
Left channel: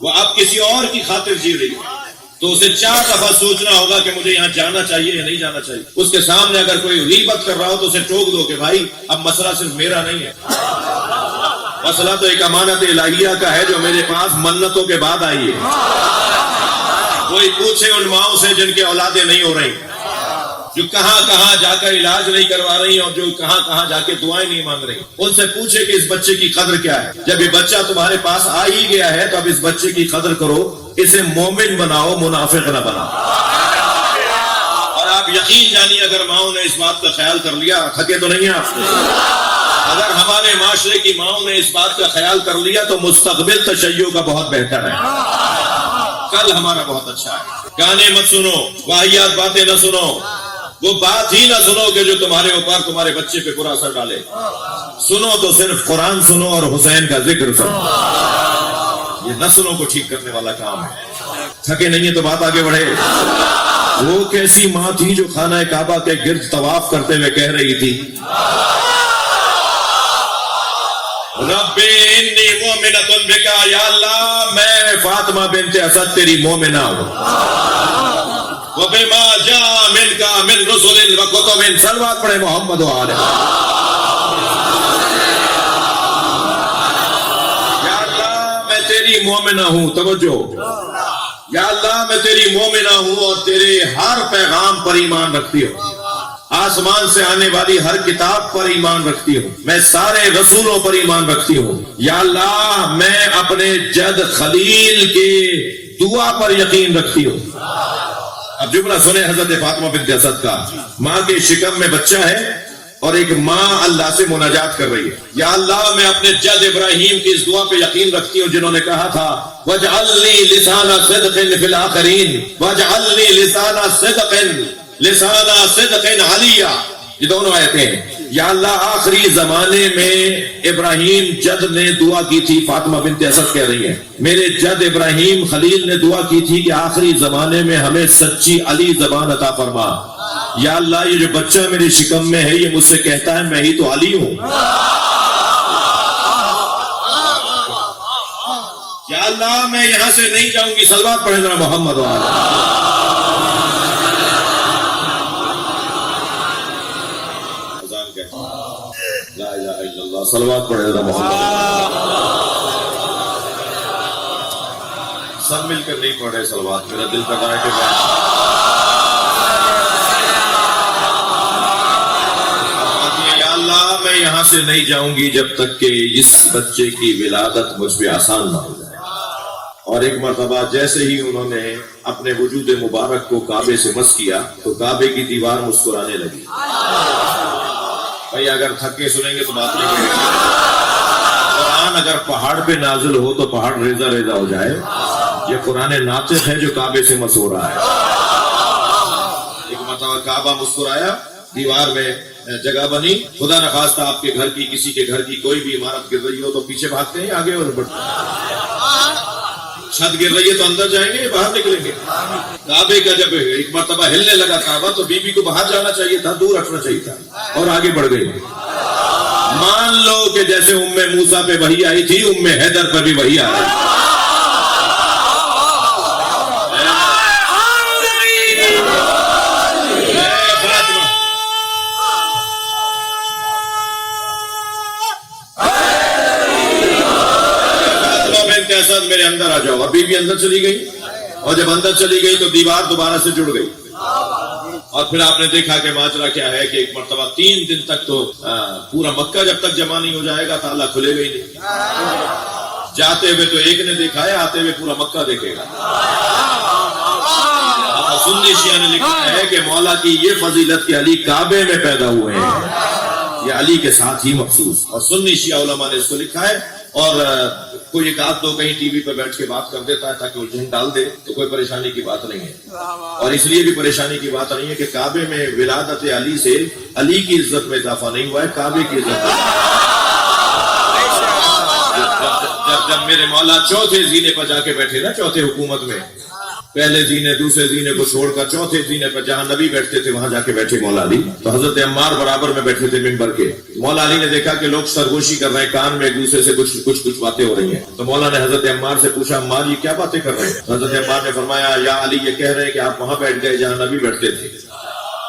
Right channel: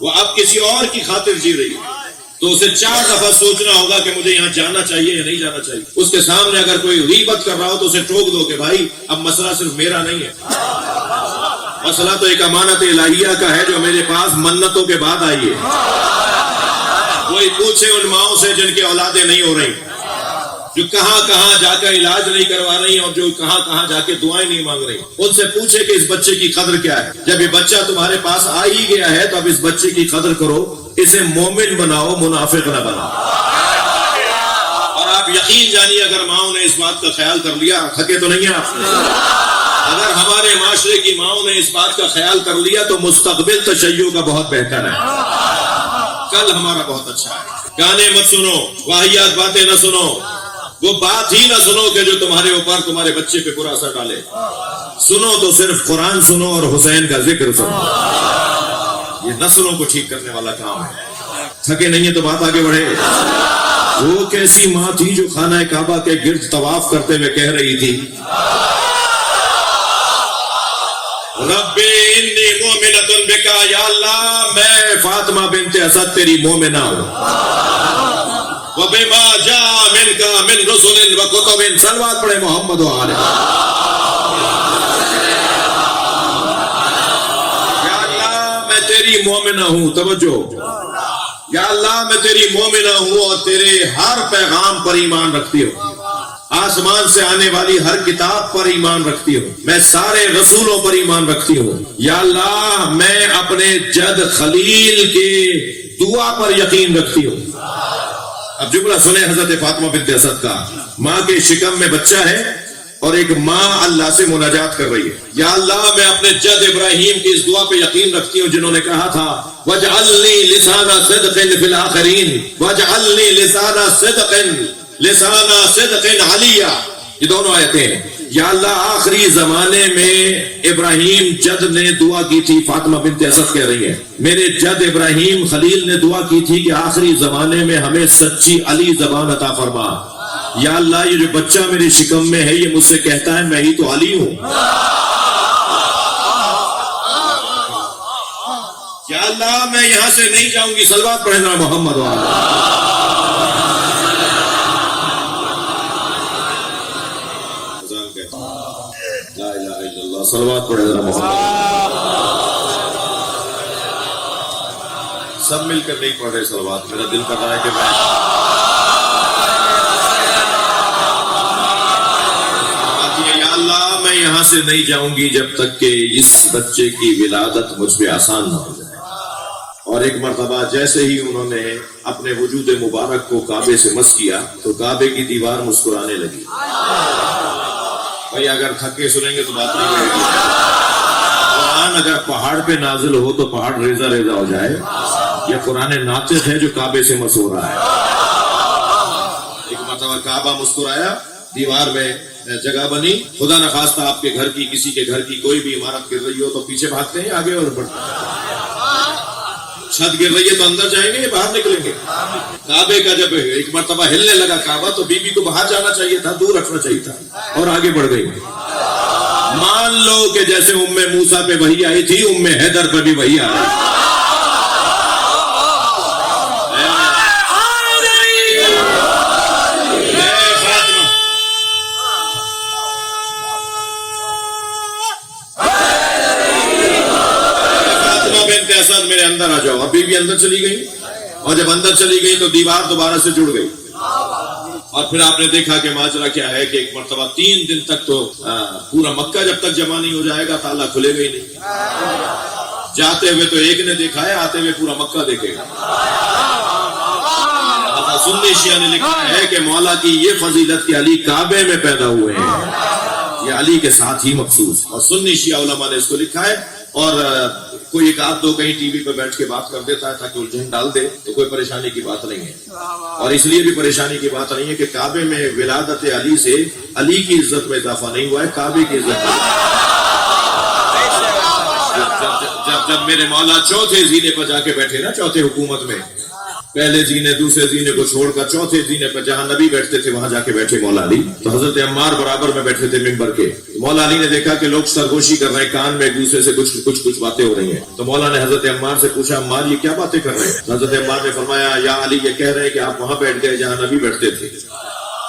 وہ اب کسی اور کی خاطر جی رہی ہے. تو اسے 4 دفعہ سوچنا ہوگا کہ مجھے یہاں جانا چاہیے یا نہیں جانا چاہیے. اس کے سامنے اگر کوئی غیبت کر رہا ہو تو اسے ٹوک دو کہ بھائی اب مسئلہ صرف میرا نہیں ہے، مسئلہ تو ایک امانت الہیہ کا ہے جو میرے پاس منتوں کے بعد آئی ہے. کوئی پوچھے ان ماؤں سے جن کے اولادیں نہیں ہو رہی، جو کہاں کہاں جا کر علاج نہیں کروا رہی اور جو کہاں کہاں جا کے دعائیں نہیں مانگ رہی، ان سے پوچھے کہ اس بچے کی قدر کیا ہے. جب یہ بچہ تمہارے پاس آ ہی گیا ہے تو اب اس بچے کی قدر کرو، اسے مومن بناؤ، منافق نہ بناؤ. اور آپ یقین جانیے اگر ماؤں نے اس بات کا خیال کر لیا، تھکے تو نہیں ہیں آپ. اگر ہمارے معاشرے کی ماؤں نے اس بات کا خیال کر لیا تو مستقبل تشیع کا بہت بہتر ہے، کل ہمارا بہت اچھا ہے. گانے مت سنو، واہیات باتیں نہ سنو، وہ بات ہی نہ سنو کہ جو تمہارے اوپر تمہارے بچے پہ برا اثر ڈالے. سنو تو صرف قرآن سنو اور حسین کا ذکر سنو. یہ نسلوں کو ٹھیک کرنے والا کام ہے. تھکے نہیں ہے تو بات آگے بڑھے. وہ کیسی ماں تھی جو خانہ کعبہ کے گرد طواف کرتے ہوئے کہہ رہی تھی، رب انی مومنۃ بک، یا اللہ میں فاطمہ بنت اسد تیری مومنہ ہو وَبِمَا جَاءَ مِنْكَ مِنْ رُسُلٍ وَكُتُبٍ صلوات پڑھے محمد و آلہ یا اللہ میں تیری مومنہ ہوں توجہ یا اللہ میں تیری مومنہ ہوں اور تیرے ہر پیغام پر ایمان رکھتی ہوں آسمان سے آنے والی ہر کتاب پر ایمان رکھتی ہوں میں سارے رسولوں پر ایمان رکھتی ہوں یا اللہ میں اپنے جد خلیل کے دعا پر یقین رکھتی ہوں اب جملہ سنیں حضرت فاطمہ بنت اسد کا ماں کے شکم میں بچہ ہے اور ایک ماں اللہ سے مناجات کر رہی ہے یا اللہ میں اپنے جد ابراہیم کی اس دعا پہ یقین رکھتی ہوں جنہوں نے کہا تھا وَاجْعَلْنِي لِسَانَ صِدْقٍ فِي الْآخِرِينَ وَاجْعَلْنِي لِسَانَ صِدْقٍ عَلِيًّا یہ دونوں آیتیں ہیں یا اللہ آخری زمانے میں ابراہیم جد نے دعا کی تھی فاطمہ بنت اسد کہہ رہی ہے میرے جد ابراہیم خلیل نے دعا کی تھی کہ آخری زمانے میں ہمیں سچی علی زبان عطا فرما یا اللہ یہ جو بچہ میری شکم میں ہے یہ مجھ سے کہتا ہے میں ہی تو علی ہوں یا اللہ میں یہاں سے نہیں جاؤں گی صلوات پڑھنا محمد و آلہ لا الہ الا اللہ صلوات پڑھنا محمد سب مل کر نہیں پڑھ رہے صلوات میرا دل پر جائے کہ میں یہاں سے نہیں جاؤں گی جب تک کہ اس بچے کی ولادت مجھ پہ آسان مان جائے اور ایک مرتبہ جیسے ہی انہوں نے اپنے وجود مبارک کو کعبے سے مس کیا تو کعبے کی دیوار مسکرانے لگی بھائی اگر تھکے سنیں گے تو بات نہیں کریں گے قرآن اگر پہاڑ پہ نازل ہو تو پہاڑ ریزہ ریزہ ہو جائے یہ قرآن ناطق ہے جو کعبے سے مس ہو رہا ہے ایک مرتبہ کعبہ مسکرایا دیوار میں جگہ بنی خدا نخواستہ آپ کے گھر کی کسی کے گھر کی کوئی بھی عمارت گر رہی ہو تو پیچھے بھاگتے ہیں آگے اور چھت گر رہی ہے تو اندر جائیں گے یا باہر نکلیں گے کعبے کا جب ایک مرتبہ ہلنے لگا کعبہ تو بی بی کو باہر جانا چاہیے تھا دور رکھنا چاہیے تھا اور آگے بڑھ گئی مان لو کہ جیسے ام موسیٰ پہ وحی آئی تھی ام حیدر پہ بھی وحی آ رہی میرے اندر آ جاؤ ابھی بھی اندر چلی گئی اور جب اندر چلی گئی تو دیوار دوبارہ سے جڑ گئی اور پھر آپ نے دیکھا کہ ماجرا کیا ہے کہ ایک مرتبہ 3 دن تک تو پورا مکہ جب تک جمع نہیں ہو جائے گا تالا کھلے گا ہی نہیں جاتے ہوئے تو ایک نے دیکھا ہے آتے ہوئے پورا مکہ دیکھے گا سنی شیعہ نے لکھا ہے کہ مولا کی یہ فضیلت کہ علی کعبے میں پیدا ہوئے ہیں یہ علی کے ساتھ ہی مخصوص اور سنی شیعہ علماء نے اس کو لکھا ہے اور کوئی ایک آدھ دو کہیں ٹی وی پر بیٹھ کے بات کر دیتا ہے تاکہ جھوٹ ڈال دے تو کوئی پریشانی کی بات نہیں ہے اور اس لیے بھی پریشانی کی بات نہیں ہے کہ کعبے میں ولادت علی سے علی کی عزت میں اضافہ نہیں ہوا ہے کعبے کی عزت جب میرے مولا چوتھے زینے پر جا کے بیٹھے نا چوتھے حکومت میں پہلے زینے دوسرے زینے کو چھوڑ کر چوتھے زینے پر جہاں نبی بیٹھتے تھے وہاں جا کے بیٹھے مولا علی تو حضرت عمار برابر میں بیٹھے تھے منبر کے مولا علی نے دیکھا کہ لوگ سرگوشی کر رہے ہیں کان میں ایک دوسرے سے کچھ باتیں ہو رہی ہیں تو مولا نے حضرت عمار سے پوچھا عمار یہ کیا باتیں کر رہے ہیں حضرت عمار نے فرمایا یا علی یہ کہہ رہے ہیں کہ آپ وہاں بیٹھ گئے جہاں نبی بیٹھتے تھے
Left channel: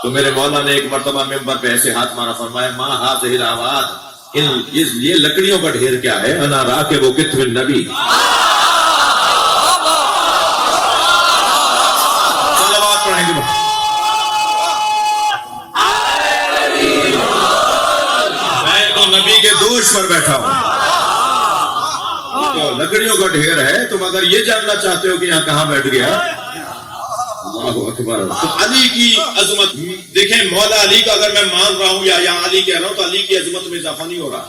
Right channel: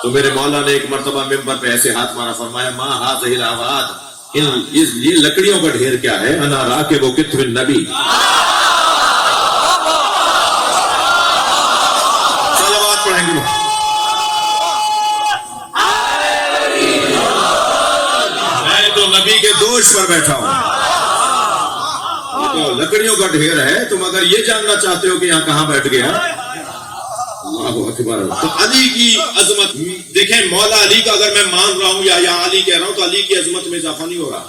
تو میرے مولا نے ایک مرتبہ منبر پہ ایسے ہاتھ مارا فرمایا ماں ہاتھ یہ لکڑیوں کا ڈھیر کیا ہے انا راکب کتف النبی میں تو نبی کے دوش پر بیٹھا ہوں تو لکڑیوں کا ڈھیر ہے تم اگر یہ جاننا چاہتے ہو کہ یہاں کہاں بیٹھ گیا اللہ اکبر تو علی کی عظمت دیکھیں مولا علی کا اگر میں مان رہا ہوں یا علی کہہ رہا ہوں تو علی کی عظمت میں اضافہ نہیں ہو رہا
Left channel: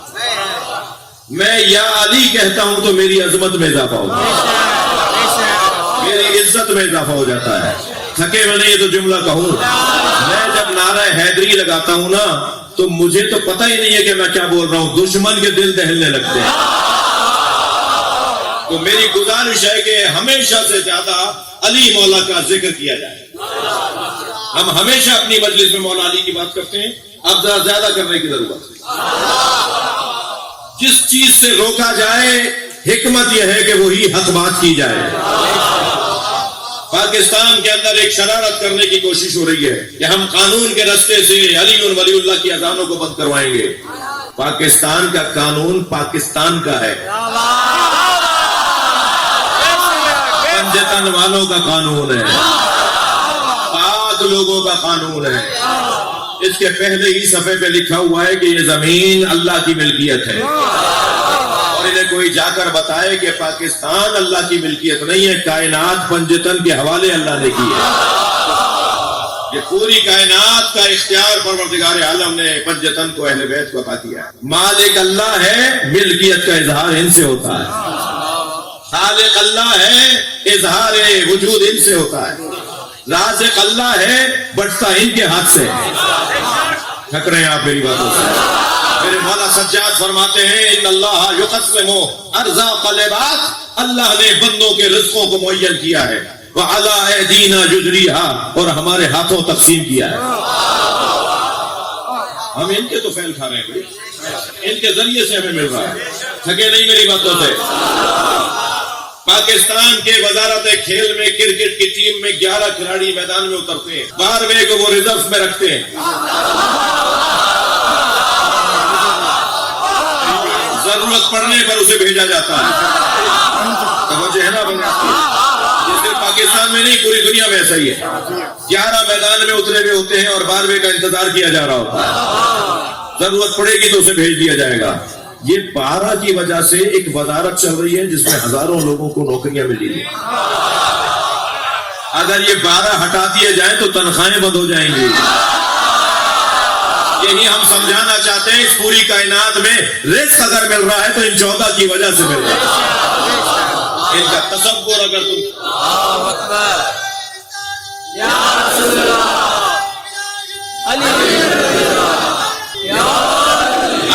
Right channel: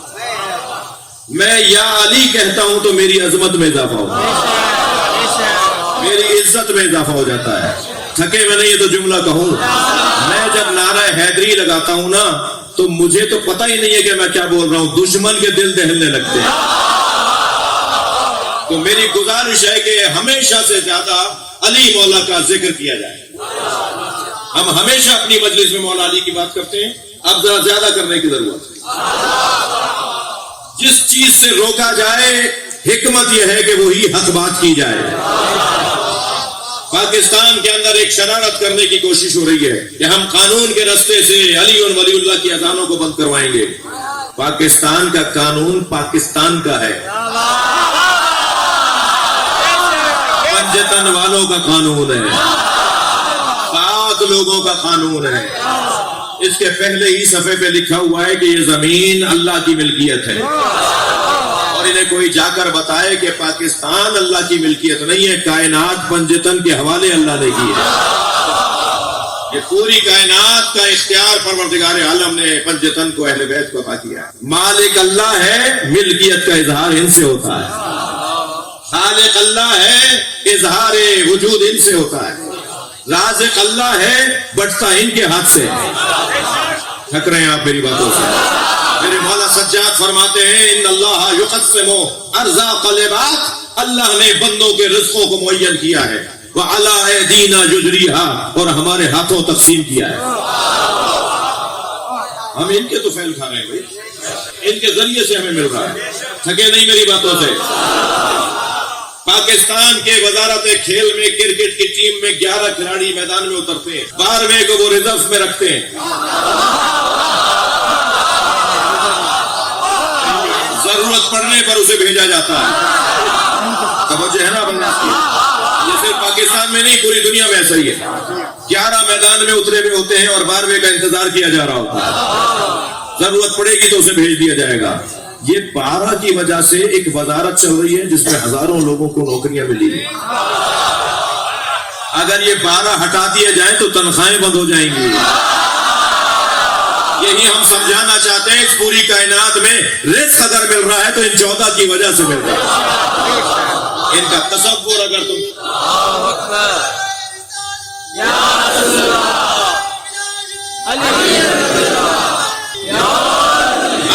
میں یا علی کہتا ہوں تو میری عظمت میں اضافہ ہوتا ہے میری عزت میں اضافہ ہو جاتا ہے تھکے میں نہیں یہ تو جملہ کہوں میں جب نعرہ حیدری لگاتا ہوں نا تو مجھے تو پتہ ہی نہیں ہے کہ میں کیا بول رہا ہوں دشمن کے دل دہلنے لگتے ہیں تو میری گزارش ہے کہ ہمیشہ سے زیادہ علی مولا کا ذکر کیا جائے ہم ہمیشہ اپنی مجلس میں مولا علی کی بات کرتے ہیں اب ذرا زیادہ کرنے کی ضرورت ہے جس چیز سے روکا جائے حکمت یہ ہے کہ وہی حق بات کی جائے. پاکستان کے اندر ایک شرارت کرنے کی کوشش ہو رہی ہے کہ ہم قانون کے راستے سے علی اور ولی اللہ کی اذانوں کو بند کروائیں گے. پاکستان کا قانون پاکستان کا ہے، پنجتن والوں کا قانون ہے، پاک لوگوں کا قانون ہے. اس کے پہلے ہی صفحے پہ لکھا ہوا ہے کہ یہ زمین اللہ کی ملکیت ہے، اور انہیں کوئی جا کر بتائے کہ پاکستان اللہ کی ملکیت نہیں ہے، کائنات پنجتن کے حوالے اللہ نے کی ہے. یہ پوری کائنات کا اختیار پروردگار عالم نے پنجتن کو اہل بیت کو عطا کیا ہے. مالک اللہ ہے، ملکیت کا اظہار ان سے ہوتا ہے. خالق اللہ ہے، اظہار وجود ان سے ہوتا ہے. رازق اللہ ہے، بٹتا ان کے ہاتھ سے ہے. تھک رہے ہیں آپ میری باتوں سے؟ میرے مولا سجاد فرماتے ہیں ان اللہ یقسم ارزاق العباد، اللہ نے بندوں کے رزقوں کو معین کیا ہے. وعلی ایدینا یجریھا، اور ہمارے ہاتھوں تقسیم کیا ہے. ہم ان کے تو فیل کھا رہے ہیں بھائی، ان کے ذریعے سے ہمیں مل رہا ہے. تھکے نہیں میری باتوں سے؟ پاکستان کے وزارت کھیل میں کرکٹ کی ٹیم میں 11 کھلاڑی میدان میں اترتے ہیں، 12ویں کو وہ ریزرو میں رکھتے ہیں. ضرورت پڑنے پر اسے بھیجا جاتا ہے. توجہ ہے نا؟ یہ صرف پاکستان میں نہیں، پوری دنیا میں ایسا ہی ہے. 11 میدان میں اترے ہوئے ہوتے ہیں اور 12ویں کا انتظار کیا جا رہا ہوتا ہے. ضرورت پڑے گی تو اسے بھیج دیا جائے گا. یہ 12 کی وجہ سے ایک وزارت چل رہی ہے جس میں ہزاروں لوگوں کو نوکریاں ملی ہیں. اگر یہ 12 ہٹا دیے جائیں تو تنخواہیں بند ہو جائیں گی. یہی ہم سمجھانا چاہتے ہیں. اس پوری کائنات میں رزق اگر مل رہا ہے تو ان 14 کی وجہ سے مل رہا ہے. ان کا تصور اگر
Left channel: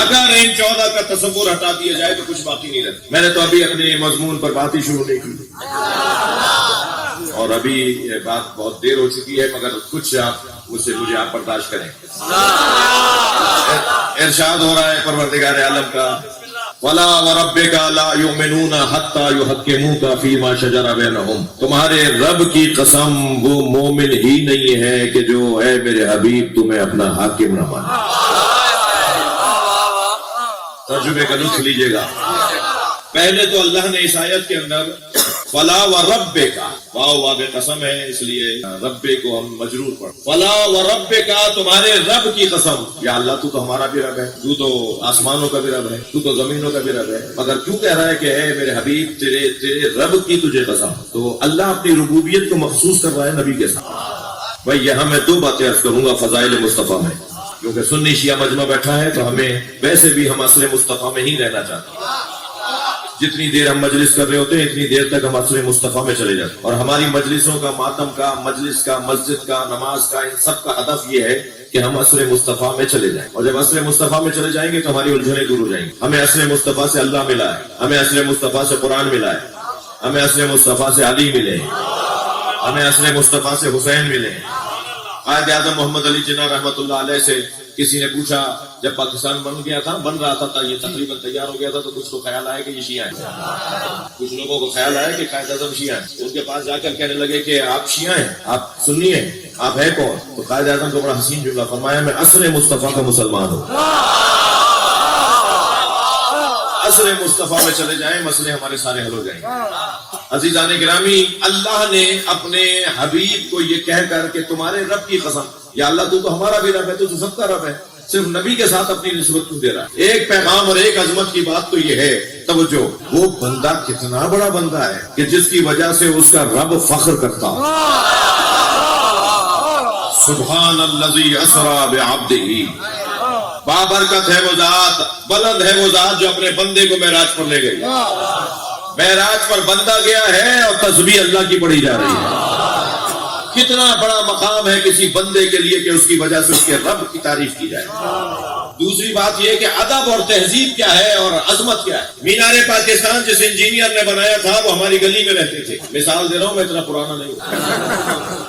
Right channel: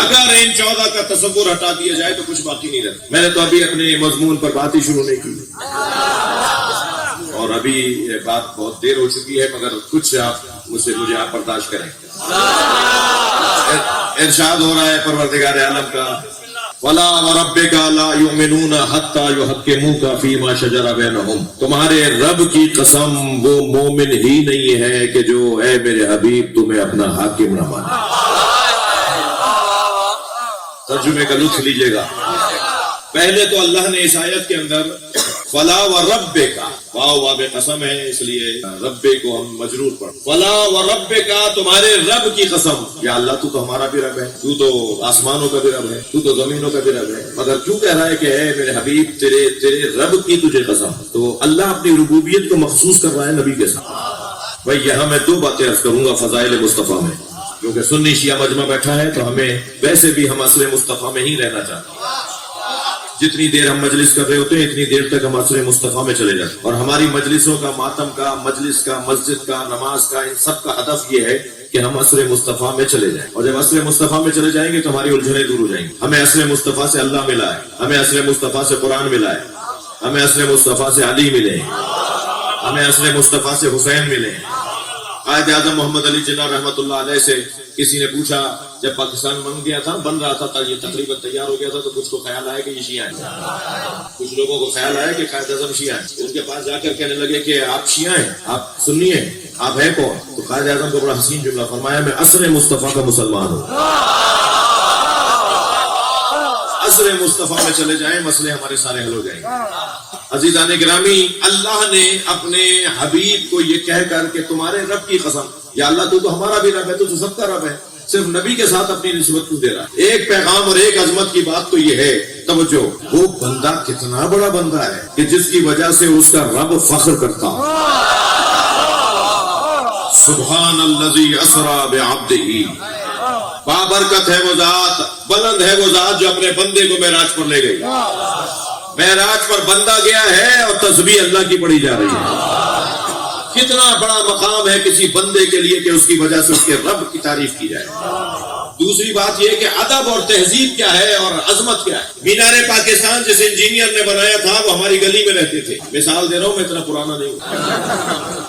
اگر ان 14 کا تصور ہٹا دیا جائے تو کچھ باقی نہیں رہتا. میں نے تو ابھی اپنے مضمون پر بات ہی شروع نہیں کی اور ابھی یہ بات بہت دیر ہو چکی ہے، مگر کچھ آپ مجھے آپ برداشت کریں. ارشاد ہو رہا ہے پروردگار عالم کا وَلَا وَرَبِّكَ لَا يُؤْمِنُونَ حَتَّى يُحَكِّمُوكَ فِي مَا شَجَرَ بَيْنَهُمْ. تمہارے رب کی قسم وہ مومن ہی نہیں ہے کہ جو اے میرے حبیب تمہیں اپنا حاکم نہ مانے. ترجمے کا لطف لیجیے گا. پہلے تو اللہ نے اس آیت کے اندر فلا وَرَبِّكَ، واو باب قسم ہے اس لیے رب کو ہم مجرور پڑھ. فلا وَرَبِّكَ، تمہارے رب کی قسم. یا اللہ تو ہمارا بھی رب ہے، تو تو آسمانوں کا بھی رب ہے، تو تو زمینوں کا بھی رب ہے، مگر کیوں کہہ رہا ہے کہ اے میرے حبیب تیرے رب کی تجھے قسم؟ تو اللہ اپنی ربوبیت کو مخصوص کر رہا ہے نبی کے ساتھ. بھائی یہاں میں 2 باتیں عرض کروں گا فضائل مصطفیٰ میں، کیونکہ سنی شیعہ مجمع بیٹھا ہے تو ہمیں ویسے بھی ہم عصر مصطفیٰ میں ہی رہنا چاہتے ہیں. جتنی دیر ہم مجلس کر رہے ہوتے ہیں اتنی دیر تک ہم عصر مصطفیٰ میں چلے جاتے ہیں. اور ہماری مجلسوں کا، ماتم کا، مجلس کا، مسجد کا، نماز کا، ان سب کا ہدف یہ ہے کہ ہم عصر مصطفیٰ میں چلے جائیں. اور جب عصر مصطفیٰ میں چلے جائیں گے تو ہماری الجھنیں دور ہو جائیں گی. ہمیں عصر مصطفیٰ سے اللہ ملا ہے، ہمیں عصر مصطفیٰ سے قرآن ملا ہے، ہمیں عصر مصطفیٰ سے علی ملے، ہمیں عصر مصطفیٰ سے حسین ملے. قائد اعظم محمد علی جناح رحمۃ اللہ علیہ سے کسی نے پوچھا، جب پاکستان بن رہا تھا یہ تقریباً تیار ہو گیا تھا تو کچھ کو خیال آیا کہ یہ شیعہ ہیں. کچھ لوگوں کو خیال آیا کہ قائد اعظم شیعہ ہیں. ان کے پاس جا کر کہنے لگے کہ آپ شیعہ ہیں، آپ سنی ہیں، آپ ہیں کون؟ تو قائد اعظم کو بڑا حسین جملہ فرمایا، میں عصر مصطفیٰ کا مسلمان ہوں. عصر مصطفیٰ میں چلے جائیں مسئلے ہمارے سارے حل ہو جائیں گے. عزیزان گرامی، اللہ نے اپنے حبیب کو یہ کہہ کر کہ تمہارے رب کی قسم، یا اللہ تو ہمارا بھی رب ہے، تو سب کا رب ہے، صرف نبی کے ساتھ اپنی نسبت کیوں دے رہا ہے؟ ایک پیغام اور ایک عظمت کی بات تو یہ ہے، توجہ، وہ بندہ کتنا بڑا بندہ ہے کہ جس کی وجہ سے اس کا رب فخر کرتا ہے. سبحان الذی اسری بعبدہ، بابرکت ہے وہ ذات، بلند ہے وہ ذات جو اپنے بندے کو معراج پر لے گئی. معراج پر بندہ گیا ہے اور تسبیح اللہ کی پڑھی جا رہی ہے. کتنا بڑا مقام ہے کسی بندے کے لیے کہ اس کی وجہ سے اس کے رب کی تعریف کی جائے. دوسری بات یہ کہ ادب اور تہذیب کیا ہے اور عظمت کیا ہے. مینار پاکستان جس انجینئر نے بنایا تھا وہ ہماری گلی میں رہتے تھے. مثال دے رہا ہوں، میں اتنا پرانا نہیں ہوں.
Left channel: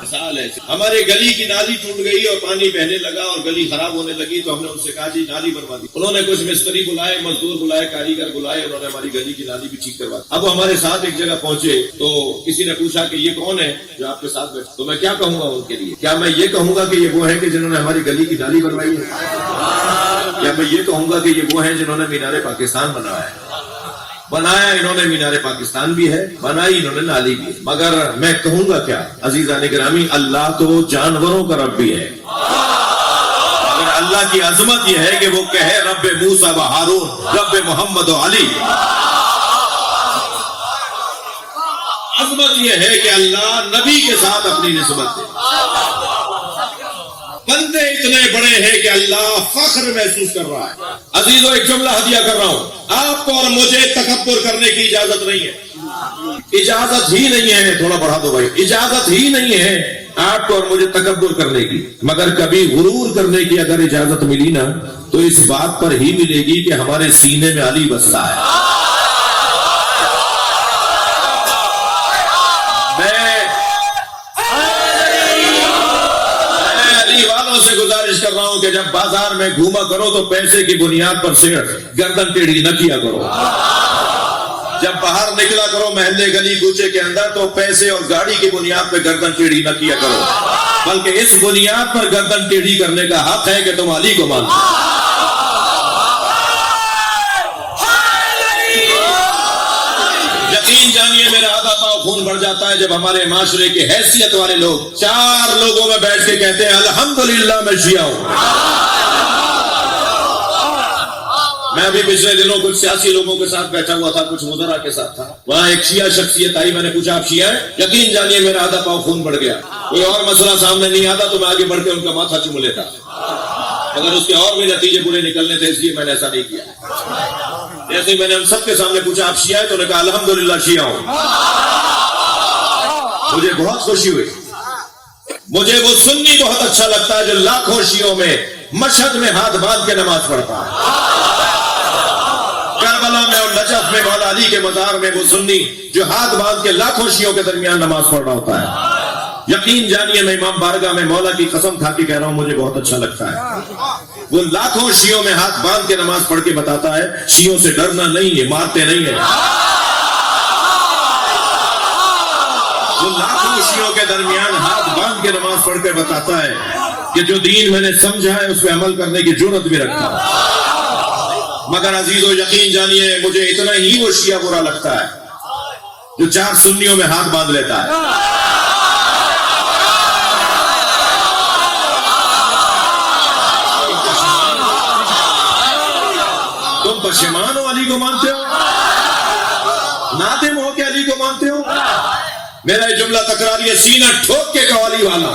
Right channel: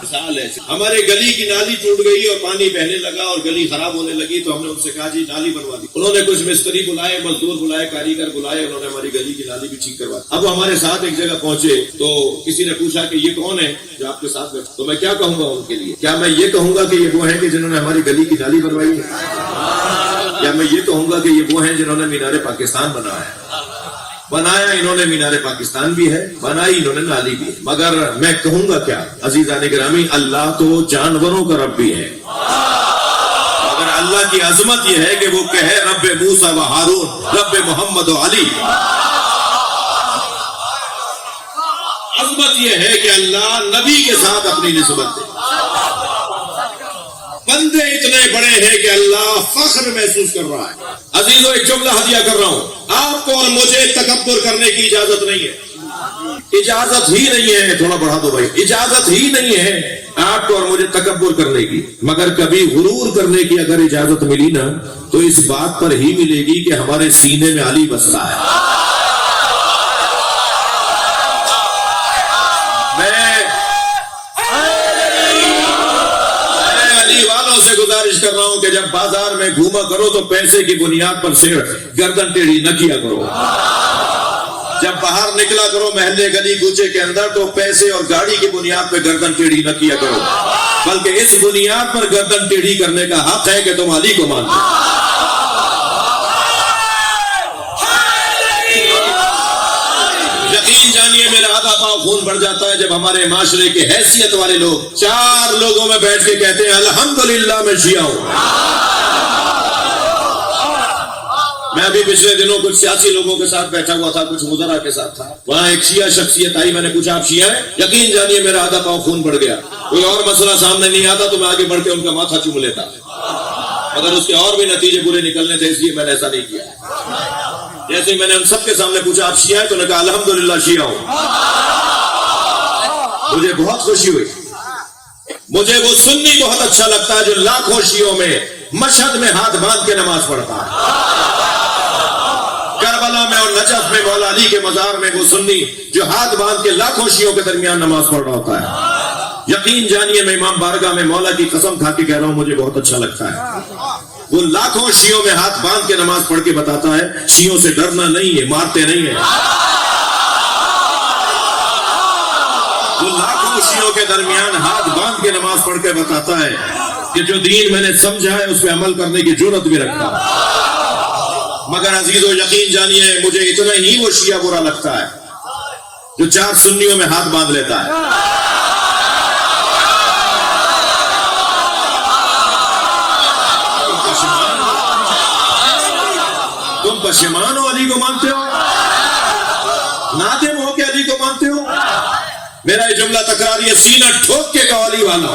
مثال ہے، ہمارے گلی کی نالی ٹوٹ گئی اور پانی بہنے لگا اور گلی خراب ہونے لگی تو ہم نے ان سے کہا جی نالی بنوا دی. انہوں نے کچھ مستری بلائے، مزدور بلائے، کاریگر بلائے، انہوں نے ہماری گلی کی نالی بھی ٹھیک کروا دی. اب ہمارے ساتھ ایک جگہ پہنچے تو کسی نے پوچھا کہ یہ کون ہے جو آپ کے ساتھ بیٹھے؟ تو میں کیا کہوں گا ان کے لیے؟ کیا میں یہ کہوں گا کہ یہ وہ ہیں کہ جنہوں نے ہماری گلی کی نالی بنوائی ہے؟ یا میں یہ کہوں گا کہ یہ وہ ہیں جنہوں نے مینار پاکستان بنایا ہے؟ بنایا انہوں نے مینار پاکستان بھی ہے، بنائی انہوں نے نالی بھی ہے. مگر میں کہوں گا کیا عزیزان گرامی، اللہ تو جانوروں کا رب بھی ہے. لیکن اللہ کی عظمت یہ ہے کہ وہ کہے رب موسیٰ و ہارون، رب محمد و علی. عظمت یہ ہے کہ اللہ نبی کے ساتھ اپنی نسبت دے. بندے اتنے بڑے ہیں کہ اللہ فخر محسوس کر رہا ہے. عزیزو ایک جملہ ہدیہ کر رہا ہوں، آپ کو اور مجھے تکبر کرنے کی اجازت نہیں ہے. اجازت ہی نہیں ہے، تھوڑا بڑھا دو بھائی، اجازت ہی نہیں ہے آپ کو اور مجھے تکبر کرنے کی. مگر کبھی غرور کرنے کی اگر اجازت ملی نا تو اس بات پر ہی ملے گی کہ ہمارے سینے میں علی بستا ہے. سے گزارش کر رہا ہوں کہ جب بازار میں گھوما کرو تو پیسے کی بنیاد پر صرف گردن ٹیڑھی نہ کیا کرو. جب باہر نکلا کرو محلے گلی کوچے کے اندر تو پیسے اور گاڑی کی بنیاد پہ گردن ٹیڑھی نہ کیا کرو، بلکہ اس بنیاد پر گردن ٹیڑھی کرنے کا حق ہے کہ تم علی کو مانو. یقین جانیے میرا آدھا پاؤ خون بڑھ جاتا ہے جب ہمارے معاشرے کی حیثیت والے لوگ 4 لوگوں میں بیٹھ کے کہتے ہیں الحمدللہ میں شیعہ ہوں. میں بھی پچھلے دنوں کچھ سیاسی لوگوں کے ساتھ بیٹھا ہوا تھا، کچھ وزراء کے ساتھ تھا. وہاں ایک شیعہ شخصیت آئی، میں نے پوچھا آپ شیعہ ہیں؟ یقین جانیے میرا آدھا پاؤ خون بڑھ گیا. کوئی اور مسئلہ سامنے نہیں آتا تو میں آگے بڑھ کے ان کا ماتھا چوم لیتا، مگر اس کے اور بھی نتیجے برے نکلنے تھے، اس لیے میں نے ایسا نہیں کیا. جیسے میں نے ان سب کے سامنے پوچھا آپ شیعہ ہیں تو نے کہا الحمدللہ شیعہ ہوں. مجھے بہت خوشی ہوئی. مجھے وہ سنی بہت اچھا لگتا ہے جو لاکھوں شیعوں میں مشہد میں ہاتھ باندھ کے نماز پڑھتا ہے. کربلا میں اور نجف میں مولا علی کے مزار میں وہ سنی جو ہاتھ باندھ کے لاکھوں شیعوں کے درمیان نماز پڑھ رہا ہوتا ہے. یقین جانیے میں امام بارگاہ میں مولا کی قسم کھا کے کہہ رہا ہوں مجھے بہت اچھا لگتا ہے. وہ لاکھوں شیعوں میں ہاتھ باندھ کے نماز پڑھ کے بتاتا ہے شیعوں سے ڈرنا نہیں ہے، مارتے نہیں ہیں. وہ لاکھوں شیعوں کے درمیان ہاتھ باندھ کے نماز پڑھ کے بتاتا ہے کہ جو دین میں نے سمجھا ہے اس پہ عمل کرنے کی جرت بھی رکھتا ہے. مگر عزیزو یقین جانیے مجھے اتنا ہی وہ شیعہ برا لگتا ہے جو 4 سنیوں میں ہاتھ باندھ لیتا ہے. تم پشیمان ہو علی کو مانتے ہو، نادم ہو کہ علی کو مانتے ہو؟ میرا یہ جملہ تکرار یہ سینہ ٹھوک کے کہو علی والا.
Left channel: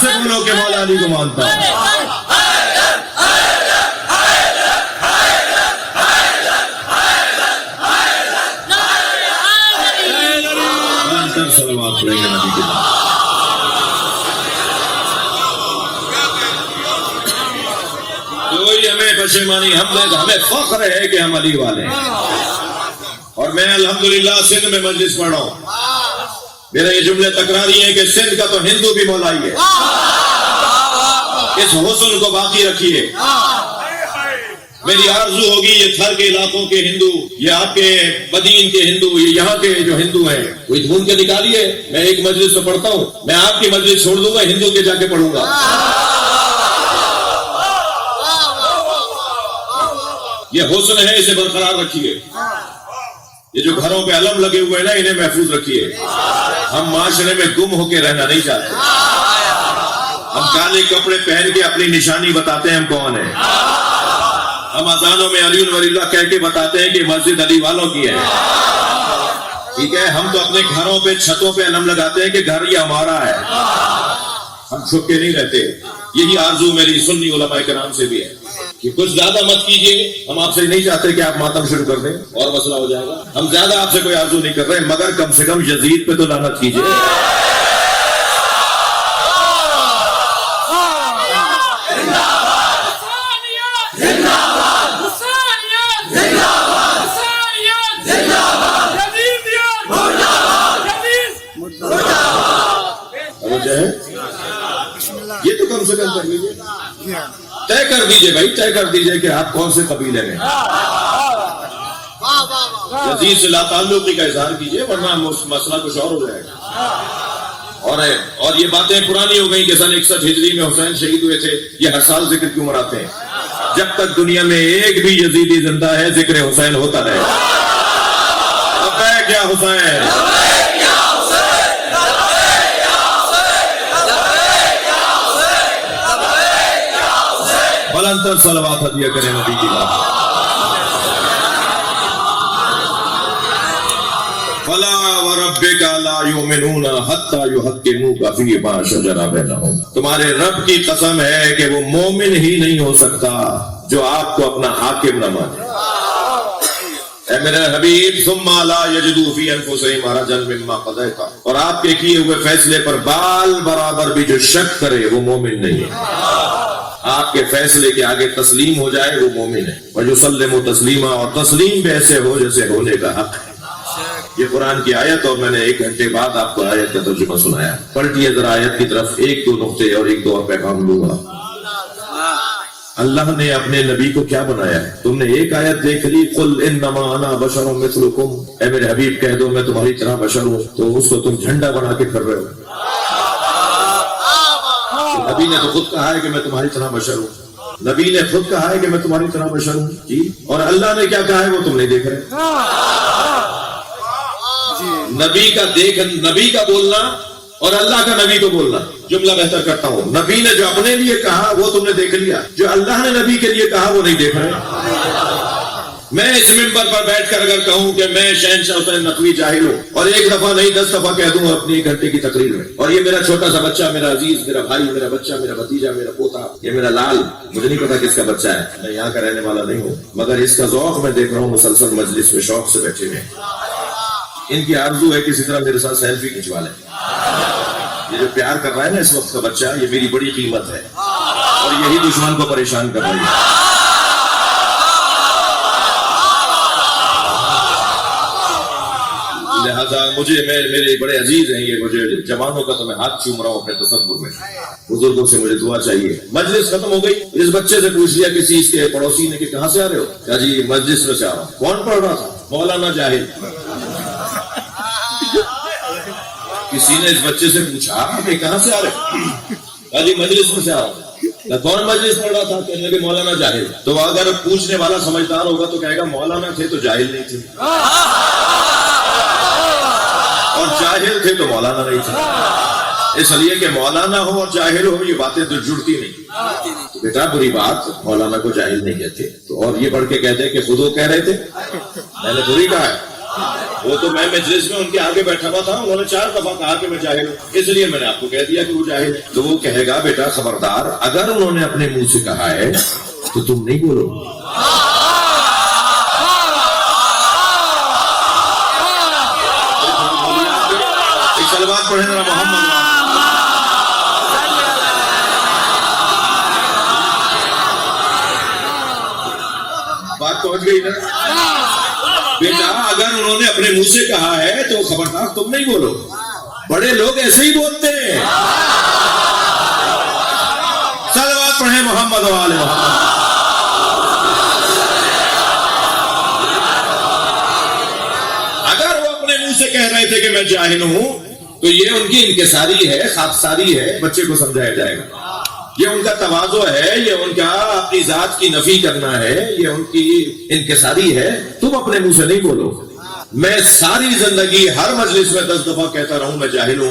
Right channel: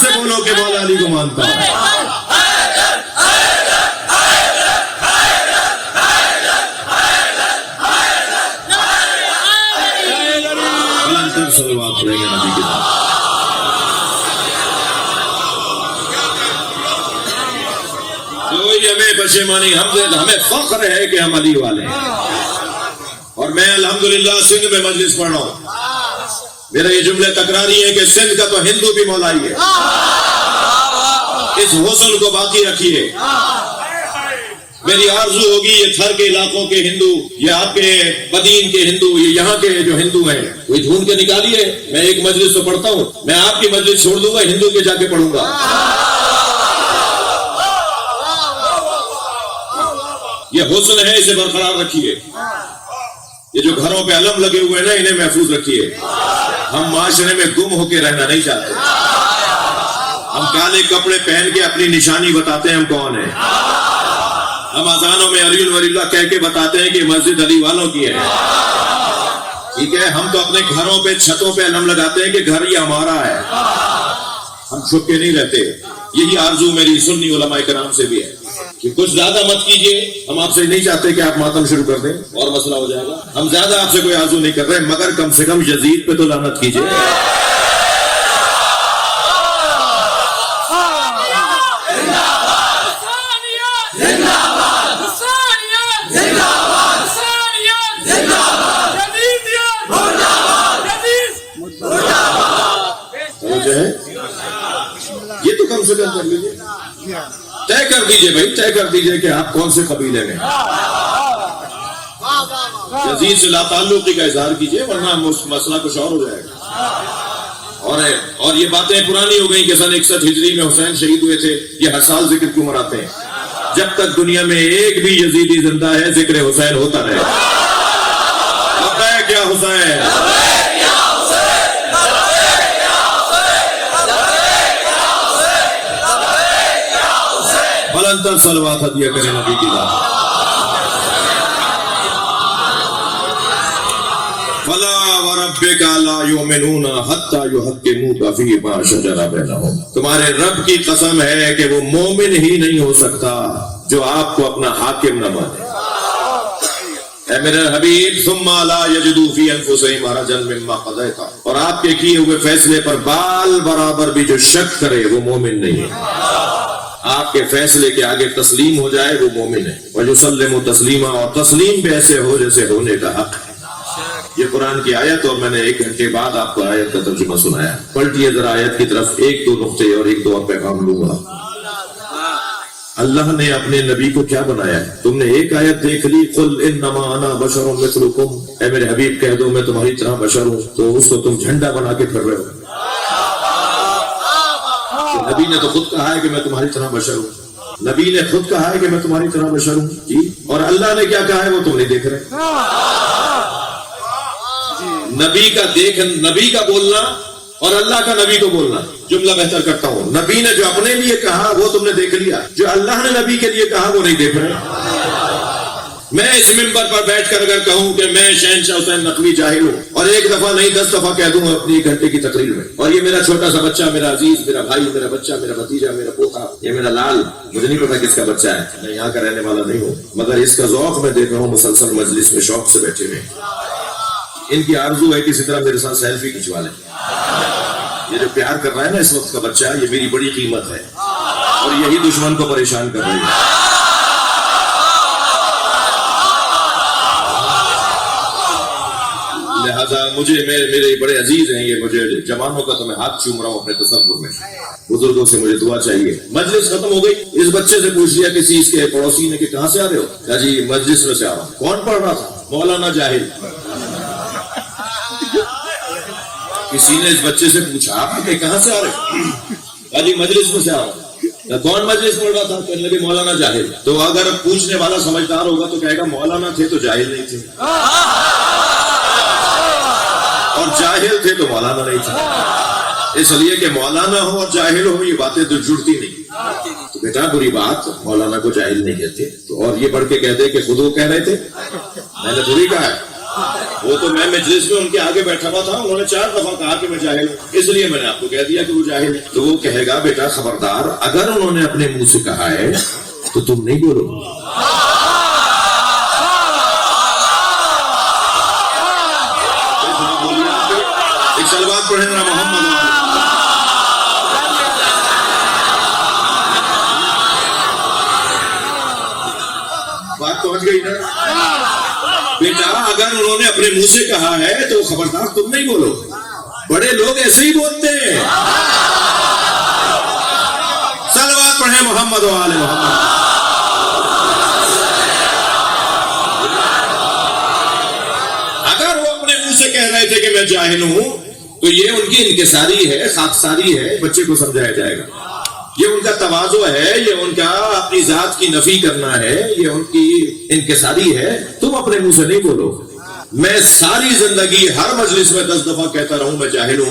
سے بولو کہ مولا علی کو مانتا ہوں. کوئی ہمیں پشیمانی ہمیں فخر ہے کہ ہم علی والے ہیں. اور میں الحمدللہ سندھ میں مجلس پڑھ رہا ہوں. میرا یہ جملے تکراری ہے کہ سندھ کا تو ہندو بھی مولائی ہے. اس حسن کو باقی رکھیے. میری آرزو ہوگی یہ تھر کے علاقوں کے ہندو، یہ آپ کے بدین کے ہندو، یہ یہاں کے جو ہندو ہیں کوئی ڈھونڈ کے نکالیے. میں ایک مجلس تو پڑھتا ہوں، میں آپ کی مجلس چھوڑ دوں گا، ہندو کے جا کے پڑھوں گا. یہ حسن ہے، اسے برقرار رکھیے. یہ جو گھروں پہ علم لگے ہوئے ہیں نا انہیں محفوظ رکھیے. ہم معاشرے میں گم ہو کے رہنا نہیں چاہتے. ہم کالے کپڑے پہن کے اپنی نشانی بتاتے ہیں ہم کون ہیں. ہم اذانوں میں علی ولی اللہ کہہ کے بتاتے ہیں کہ مسجد علی والوں کی ہے. ٹھیک ہے، ہم تو اپنے گھروں پہ چھتوں پہ علم لگاتے ہیں کہ گھر یہ ہمارا ہے. ہم چھپ کے نہیں رہتے. یہی آرزو میری سنی علماء کرام سے بھی ہے. کہ کچھ زیادہ مت کیجیے. ہم آپ سے نہیں چاہتے کہ آپ ماتم شروع کر دیں اور مسئلہ ہو جائے گا. ہم زیادہ آپ سے کوئی آرزو نہیں کر رہے، مگر کم سے کم یزید پہ تو لعنت کیجیے. یہ تو کم سے کم کر لیجیے، طے کر دیجیے بھائی، طے کر دیجیے کہ آپ کون سے قبیلے میں. یزید سے لا تعلقی کا اظہار کیجیے، ورنہ مسئلہ کچھ اور ہو جائے گا. اور یہ باتیں پرانی ہو گئی کہ سن 61 ہجری میں حسین شہید ہوئے تھے، یہ ہر سال ذکر کیوں مناتے ہیں؟ جب تک دنیا میں ایک بھی یزیدی زندہ ہے ذکر حسین ہوتا رہے. کیا حسین بلندر صلوات ہدیہ کریں نبی کی بات. فلا وربک لا یؤمنون حتی یحکموک فیما شجر بینہم. تمہارے رب کی قسم ہے کہ وہ مومن ہی نہیں ہو سکتا جو آپ کو اپنا حاکم نہ مانے. اے میرے حبیب ثم لا یجدوا فی انفسہم حرجا مما قضیت. اور آپ کے کیے ہوئے فیصلے پر بال برابر بھی جو شک کرے وہ مومن نہیں ہے. آپ کے فیصلے کے آگے تسلیم ہو جائے وہ مومن ہے. وَيُسَلِّمُ تسلیما، اور تسلیم بھی ایسے ہو جیسے ہونے کا حق ہے. یہ قرآن کی آیت، اور میں نے 1 گھنٹے بعد آپ کو آیت کا ترجمہ سنایا. پلٹیے ذرا آیت کی طرف، 1-2 نقطے اور 1-2 پیغام لوں گا. اللہ نے اپنے نبی کو کیا بنایا؟ تم نے ایک آیت دیکھ لی، قُلْ إِنَّمَا أَنَا بَشَرٌ مِثْلُكُمْ. اے میرے حبیب کہہ دو میں تمہاری طرح بشر ہوں. تو اس کو تم جھنڈا بنا کے کر رہے ہو. نبی نے تو خود کہا ہے کہ میں تمہاری طرح بشر ہوں. نبی نے خود کہا ہے کہ میں تمہاری طرح بشر ہوں جی. اور اللہ نے کیا کہا ہے وہ تم نہیں دیکھ رہے. نبی کا بولنا اور اللہ کا نبی کو بولنا جملہ بہتر کرتا ہوں. نبی نے جو اپنے لیے کہا وہ تم نے دیکھ لیا، جو اللہ نے نبی کے لیے کہا وہ نہیں دیکھ رہے. میں اس ممبر پر بیٹھ کر اگر کہوں کہ میں شہنشاہ حسین نقوی جاہل ہوں، اور 1 دفعہ نہیں 10 دفعہ کہہ دوں اپنی 1 گھنٹے کی تقریر میں، اور یہ میرا چھوٹا سا بچہ، میرا عزیز، میرا بھائی، میرا بچہ، میرا بھتیجا، میرا پوتا، یہ میرا لال، مجھے نہیں پتا کس کا بچہ ہے، میں یہاں کا رہنے والا نہیں ہوں، مگر اس کا ذوق میں دیکھ رہا ہوں مسلسل مجلس میں شوق سے بیٹھے ہوئے. ان کی آرزو ہے کسی طرح میرے ساتھ سیلفی کھنچوا لیں. یہ جو پیار کر رہا ہے نا اس وقت کا بچہ، یہ میری بڑی قیمت ہے، اور یہی دشمن کو پریشان کر رہی ہے. لہذا میرے بڑے عزیز ہیں یہ، مجھے جوانوں کا تو میں ہاتھ چوم رہا ہوں اپنے تصور میں. بزرگوں سے مجھے دعا چاہیے. مجلس ختم ہو گئی، اس بچے سے پوچھ لیا کسی اس کے پڑوسی نے کہ کہاں سے آ رہے ہو؟ کہا جی مجلس میں سے آ رہا ہوں. کون پڑھ رہا تھا؟ مولانا جاہل. کسی نے اس بچے سے پوچھا کہ کہاں سے آ رہے؟ کہا جی مجلس میں سے آ رہا ہوں. کون مجلس پڑھ رہا تھا؟ کہنے لگے مولانا جاہل. تو اگر پوچھنے والا سمجھدار ہوگا تو کہے گا مولانا تھے تو جاہل نہیں تھے، اور جاہل تھے تو مولانا نہیں تھے. اس لیے کہ مولانا ہو اور جاہل ہو یہ باتیں تو جڑتی نہیں. تو بیٹا بری بات، مولانا کو جاہل نہیں کہتے. تو اور یہ پڑھ کے کہتے کہ خود وہ کہہ رہے تھے، میں نے خود ہی کہا. وہ تو میں مجلس میں ان کے آگے بیٹھا ہوا تھا، انہوں نے 4 دفعہ کہا کہ میں جاہل ہوں، اس لیے میں نے آپ کو کہہ دیا کہ وہ جاہل ہے. تو وہ کہے گا بیٹا خبردار، اگر انہوں نے اپنے منہ سے کہا ہے تو تم نہیں بولو. ایک سلوات پڑھیں نا محمد. بات پہنچ گئی نا بیٹا؟ اگر انہوں نے اپنے منہ سے کہا ہے تو خبردار تم نہیں بولو. بڑے لوگ ایسے ہی بولتے ہیں. صلوات پڑھیں محمد و آل محمد. اگر وہ اپنے منہ سے کہہ رہے تھے کہ میں جاہل ہوں تو یہ ان کی انکساری ہے، خاکساری ہے. بچے کو سمجھایا جائے گا. یہ ان کا تواضع ہے، یہ ان کا اپنی ذات کی نفی کرنا ہے، یہ ان کی انکساری ہے. تم اپنے منہ سے نہیں بولو. میں ساری زندگی ہر مجلس میں 10 دفعہ کہتا رہوں میں جاہل ہوں،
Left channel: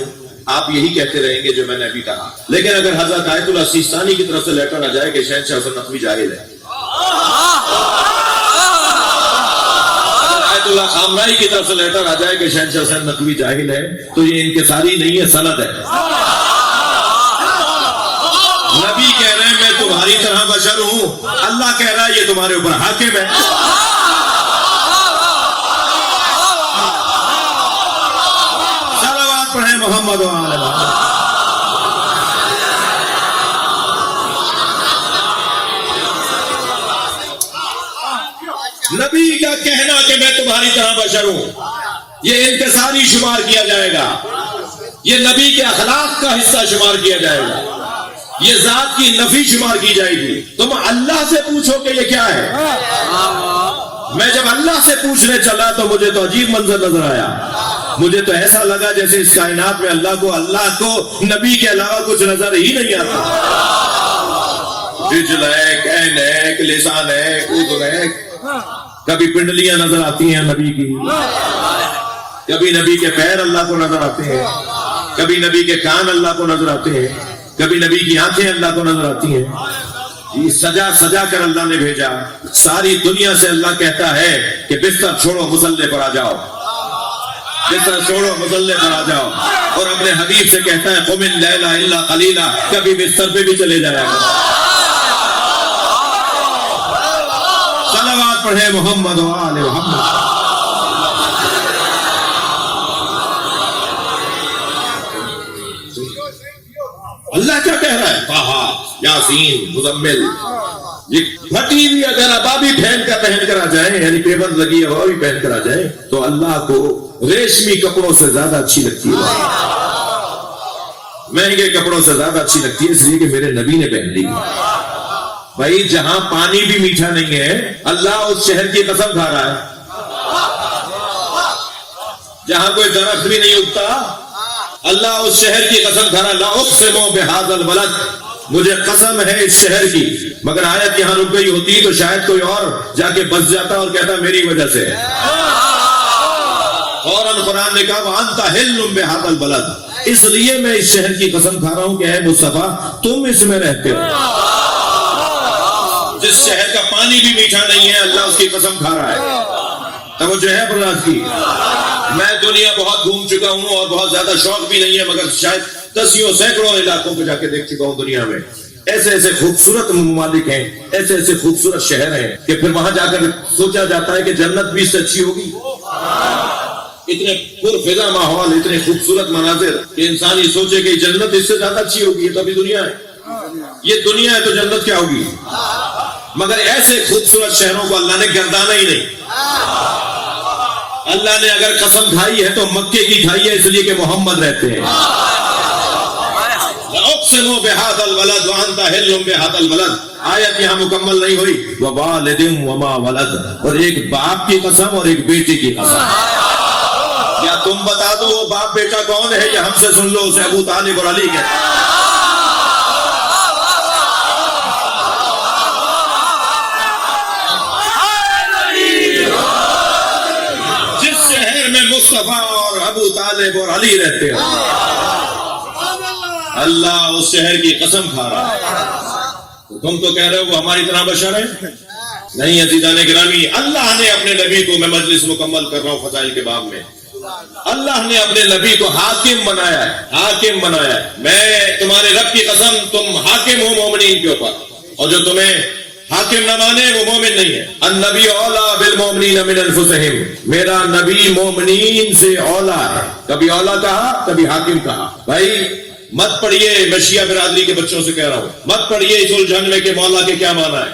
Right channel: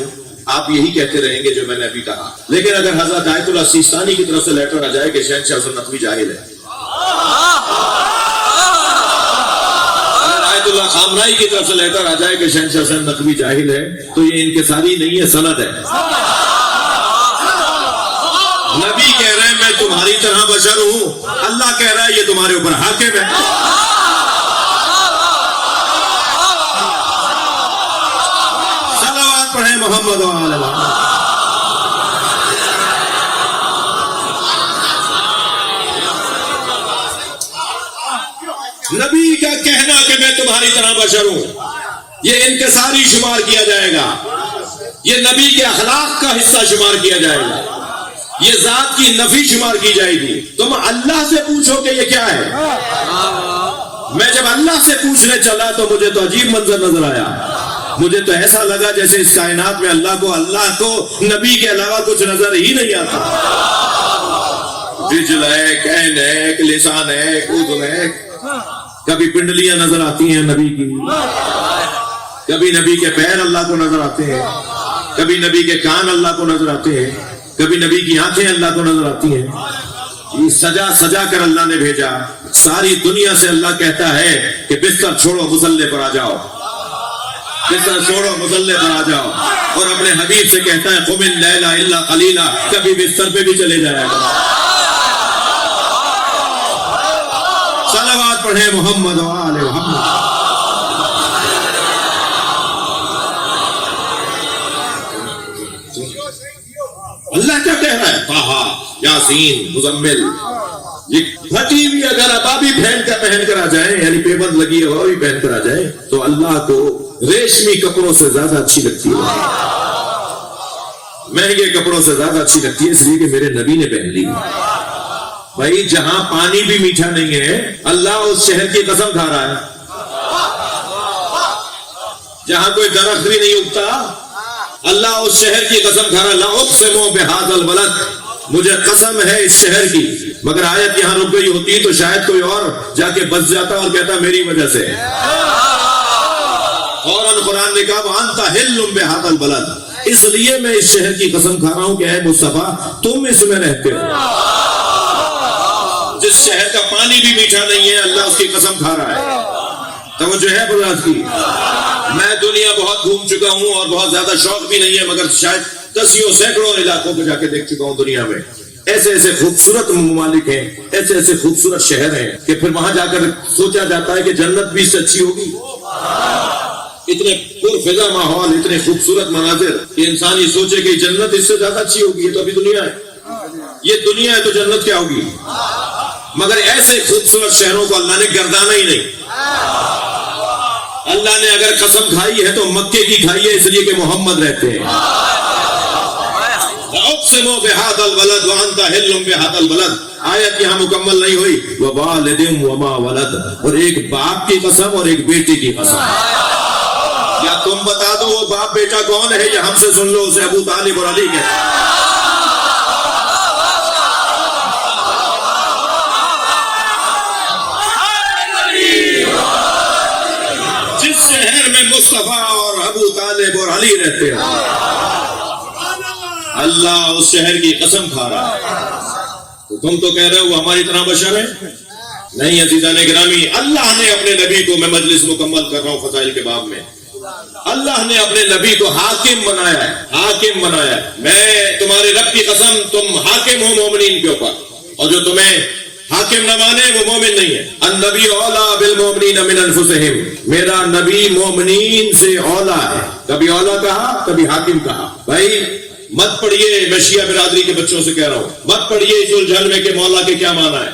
آپ یہی کہتے رہیں گے جو میں نے ابھی کہا. لیکن اگر حضرت آیت اللہ سیستانی کی طرف سے لیٹر آ جائے کہ شہنشاہ حسین نقوی جاہل ہے، آیت اللہ خامنائی کی طرف سے لیٹر آ جائے کہ شہنشاہ حسین نقوی جاہل ہے، تو یہ انکساری نہیں ہے، سند ہے. نبی کہہ رہے ہیں میں تمہاری طرح بشر ہوں، اللہ کہہ رہا ہے یہ تمہارے اوپر حاکم ہے. صلوات پڑھیں محمد و آل محمد. نبی کا کہنا کہ میں تمہاری طرح بشر ہوں یہ انکساری شمار کیا جائے گا، یہ نبی کے اخلاق کا حصہ شمار کیا جائے گا، یہ ذات کی نفی شمار کی جائے گی. تم اللہ سے پوچھو کہ یہ کیا ہے. میں جب اللہ سے پوچھنے چلا تو مجھے تو عجیب منظر نظر آیا. مجھے تو ایسا لگا جیسے اس کائنات میں اللہ کو نبی کے علاوہ کچھ نظر ہی نہیں آتا. رجل ہے، کین ہے، لسان ہے، اذن ہے. کبھی پنڈلیاں نظر آتی ہیں نبی کی، کبھی نبی کے پیر اللہ کو نظر آتے ہیں، کبھی نبی کے کان اللہ کو نظر آتے ہیں، کبھی نبی کی آنکھیں اللہ کو نظر آتی ہیں. یہ سجا سجا کر اللہ نے بھیجا. ساری دنیا سے اللہ کہتا ہے کہ بستر چھوڑو مصلے پر آ جاؤ، بستر چھوڑو مصلے پر آ جاؤ. اور اپنے حبیب سے کہتا ہے قم اللیل الا قلیلا، کبھی بستر پہ بھی چلے جائے گا. صلوات پڑھیں محمد و آل محمد. اللہ کیا کہہ رہا ہے؟ طٰہٰ، یاسین، مزمل. یہ پھٹی ہوئی اگر ابابی پہن کر آ جائیں، یعنی پیبند لگی ابابی پہن کر آ جائیں تو اللہ کو ریشمی کپڑوں سے زیادہ اچھی لگتی ہے، مہنگے کپڑوں سے زیادہ اچھی لگتی ہے، اس لیے کہ میرے نبی نے پہن لی. بھائی جہاں پانی بھی میٹھا نہیں ہے اللہ اس شہر کی قسم کھا رہا ہے. جہاں کوئی درخت بھی نہیں اگتا اللہ اس شہر کی قسم کھا رہا ہے. لا اقسم بہذا البلد، مجھے قسم ہے اس شہر کی. مگر آیت یہاں رک گئی ہوتی تو شاید کوئی اور جا کے بس جاتا اور کہتا میری وجہ سے. فوراً قرآن نے کہا وانت حل بہذا البلد، اس لیے میں اس شہر کی قسم کھا رہا ہوں کہ اے مصطفیٰ تم اس میں رہتے ہو. جس شہر کا پانی بھی میٹھا نہیں ہے اللہ اس کی قسم کھا رہا ہے. توجہ ہے براد کی. میں دنیا بہت گھوم چکا ہوں اور بہت زیادہ شوق بھی نہیں ہے، مگر شاید دسیوں سینکڑوں علاقوں پہ جا کے دیکھ چکا ہوں دنیا میں. ایسے ایسے خوبصورت ممالک ہیں، ایسے ایسے خوبصورت شہر ہیں کہ پھر وہاں جا کر سوچا جاتا ہے کہ جنت بھی اس سے اچھی ہوگی. اتنے پرفضا ماحول، اتنے خوبصورت مناظر کہ انسان یہ سوچے کہ جنت اس سے زیادہ اچھی ہوگی. یہ تو ابھی دنیا ہے، یہ دنیا ہے تو جنت کیا ہوگی. مگر ایسے خوبصورت شہروں کو اللہ نے گردانا ہی نہیں. اللہ نے اگر قسم کھائی ہے تو مکے کی کھائی ہے، اس لیے کہ محمد رہتے ہیں. اقسم بہذا البلد وانت حل بہذا البلد. آیت یہاں مکمل نہیں ہوئی. ووالد وما ولد، اور ایک باپ کی قسم اور ایک بیٹی کی قسم. کیا تم بتا دو وہ باپ بیٹا کون ہے یا ہم سے سن لو؟ اسے ابو طالب اور علی کہتے ہیں. مصطفیٰ اور ابو طالب اور علی رہتے ہیں اللہ اس شہر کی قسم کھا رہا ہے. تو تم تو کہہ رہے ہو ہماری طرح بشر ہے. نہیں عزیزان گرامی، اللہ نے اپنے نبی کو، میں مجلس مکمل کر رہا ہوں فضائل کے باب میں، اللہ نے اپنے نبی کو حاکم بنایا ہے. حاکم بنایا ہے. میں تمہارے رب کی قسم تم حاکم ہو مومنین کے اوپر، اور جو تمہیں حاکم نہ مانے وہ مومن نہیں ہے. النبی اولا بالمومنین من انفسہم، میرا نبی مومنین سے اولا ہے. کبھی اولا کہا کبھی حاکم کہا. بھائی مت پڑھیے، میں شیعہ برادری کے بچوں سے کہہ رہا ہوں، مت پڑھیے اس الجھن میں کہ مولا کے کیا مانا ہے.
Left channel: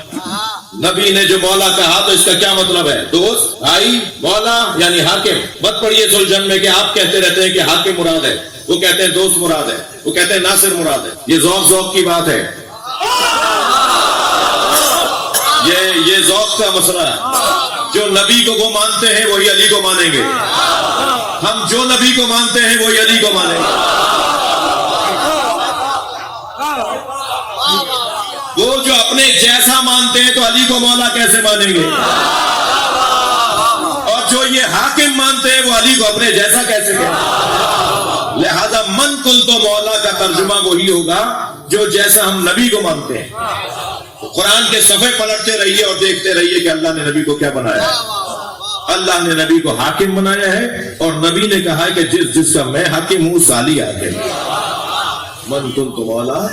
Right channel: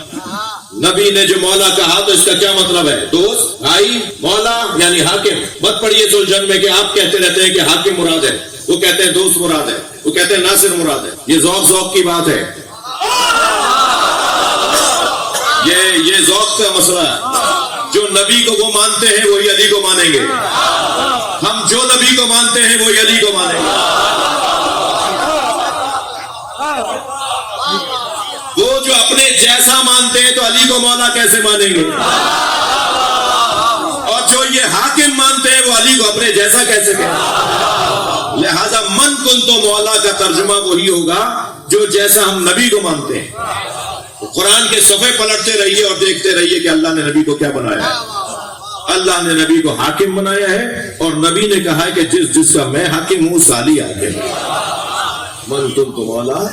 نبی نے جو مولا کہا تو اس کا کیا مطلب ہے؟ دوست، بھائی، مولا یعنی حاکم. مت پڑھیے اس الجھن میں کہ آپ کہتے رہتے ہیں کہ حاکم مراد ہے، وہ کہتے ہیں دوست مراد ہے، وہ کہتے ہیں ناصر مراد ہے. یہ ذوق کی بات ہے، یہ ذوق کا مسئلہ ہے. جو نبی کو وہ مانتے ہیں وہی علی کو مانیں گے. ہم جو نبی کو مانتے ہیں وہی علی کو مانیں گے. وہ جو اپنے جیسا مانتے ہیں تو علی کو مولا کیسے مانیں گے؟ اور جو یہ حاکم مانتے ہیں وہ علی کو اپنے جیسا کیسے کہیں؟ لہذا من کل تو مولا کا ترجمہ وہی ہوگا جو جیسا ہم نبی کو مانتے ہیں. قرآن کے صفحے پلٹتے رہیے اور دیکھتے رہیے کہ اللہ نے نبی کو کیا بنایا ہے. اللہ نے نبی کو حاکم بنایا ہے اور نبی نے کہا کہ جس جس کا میں حاکم ہوں سالی حاکم. من کن تو مولا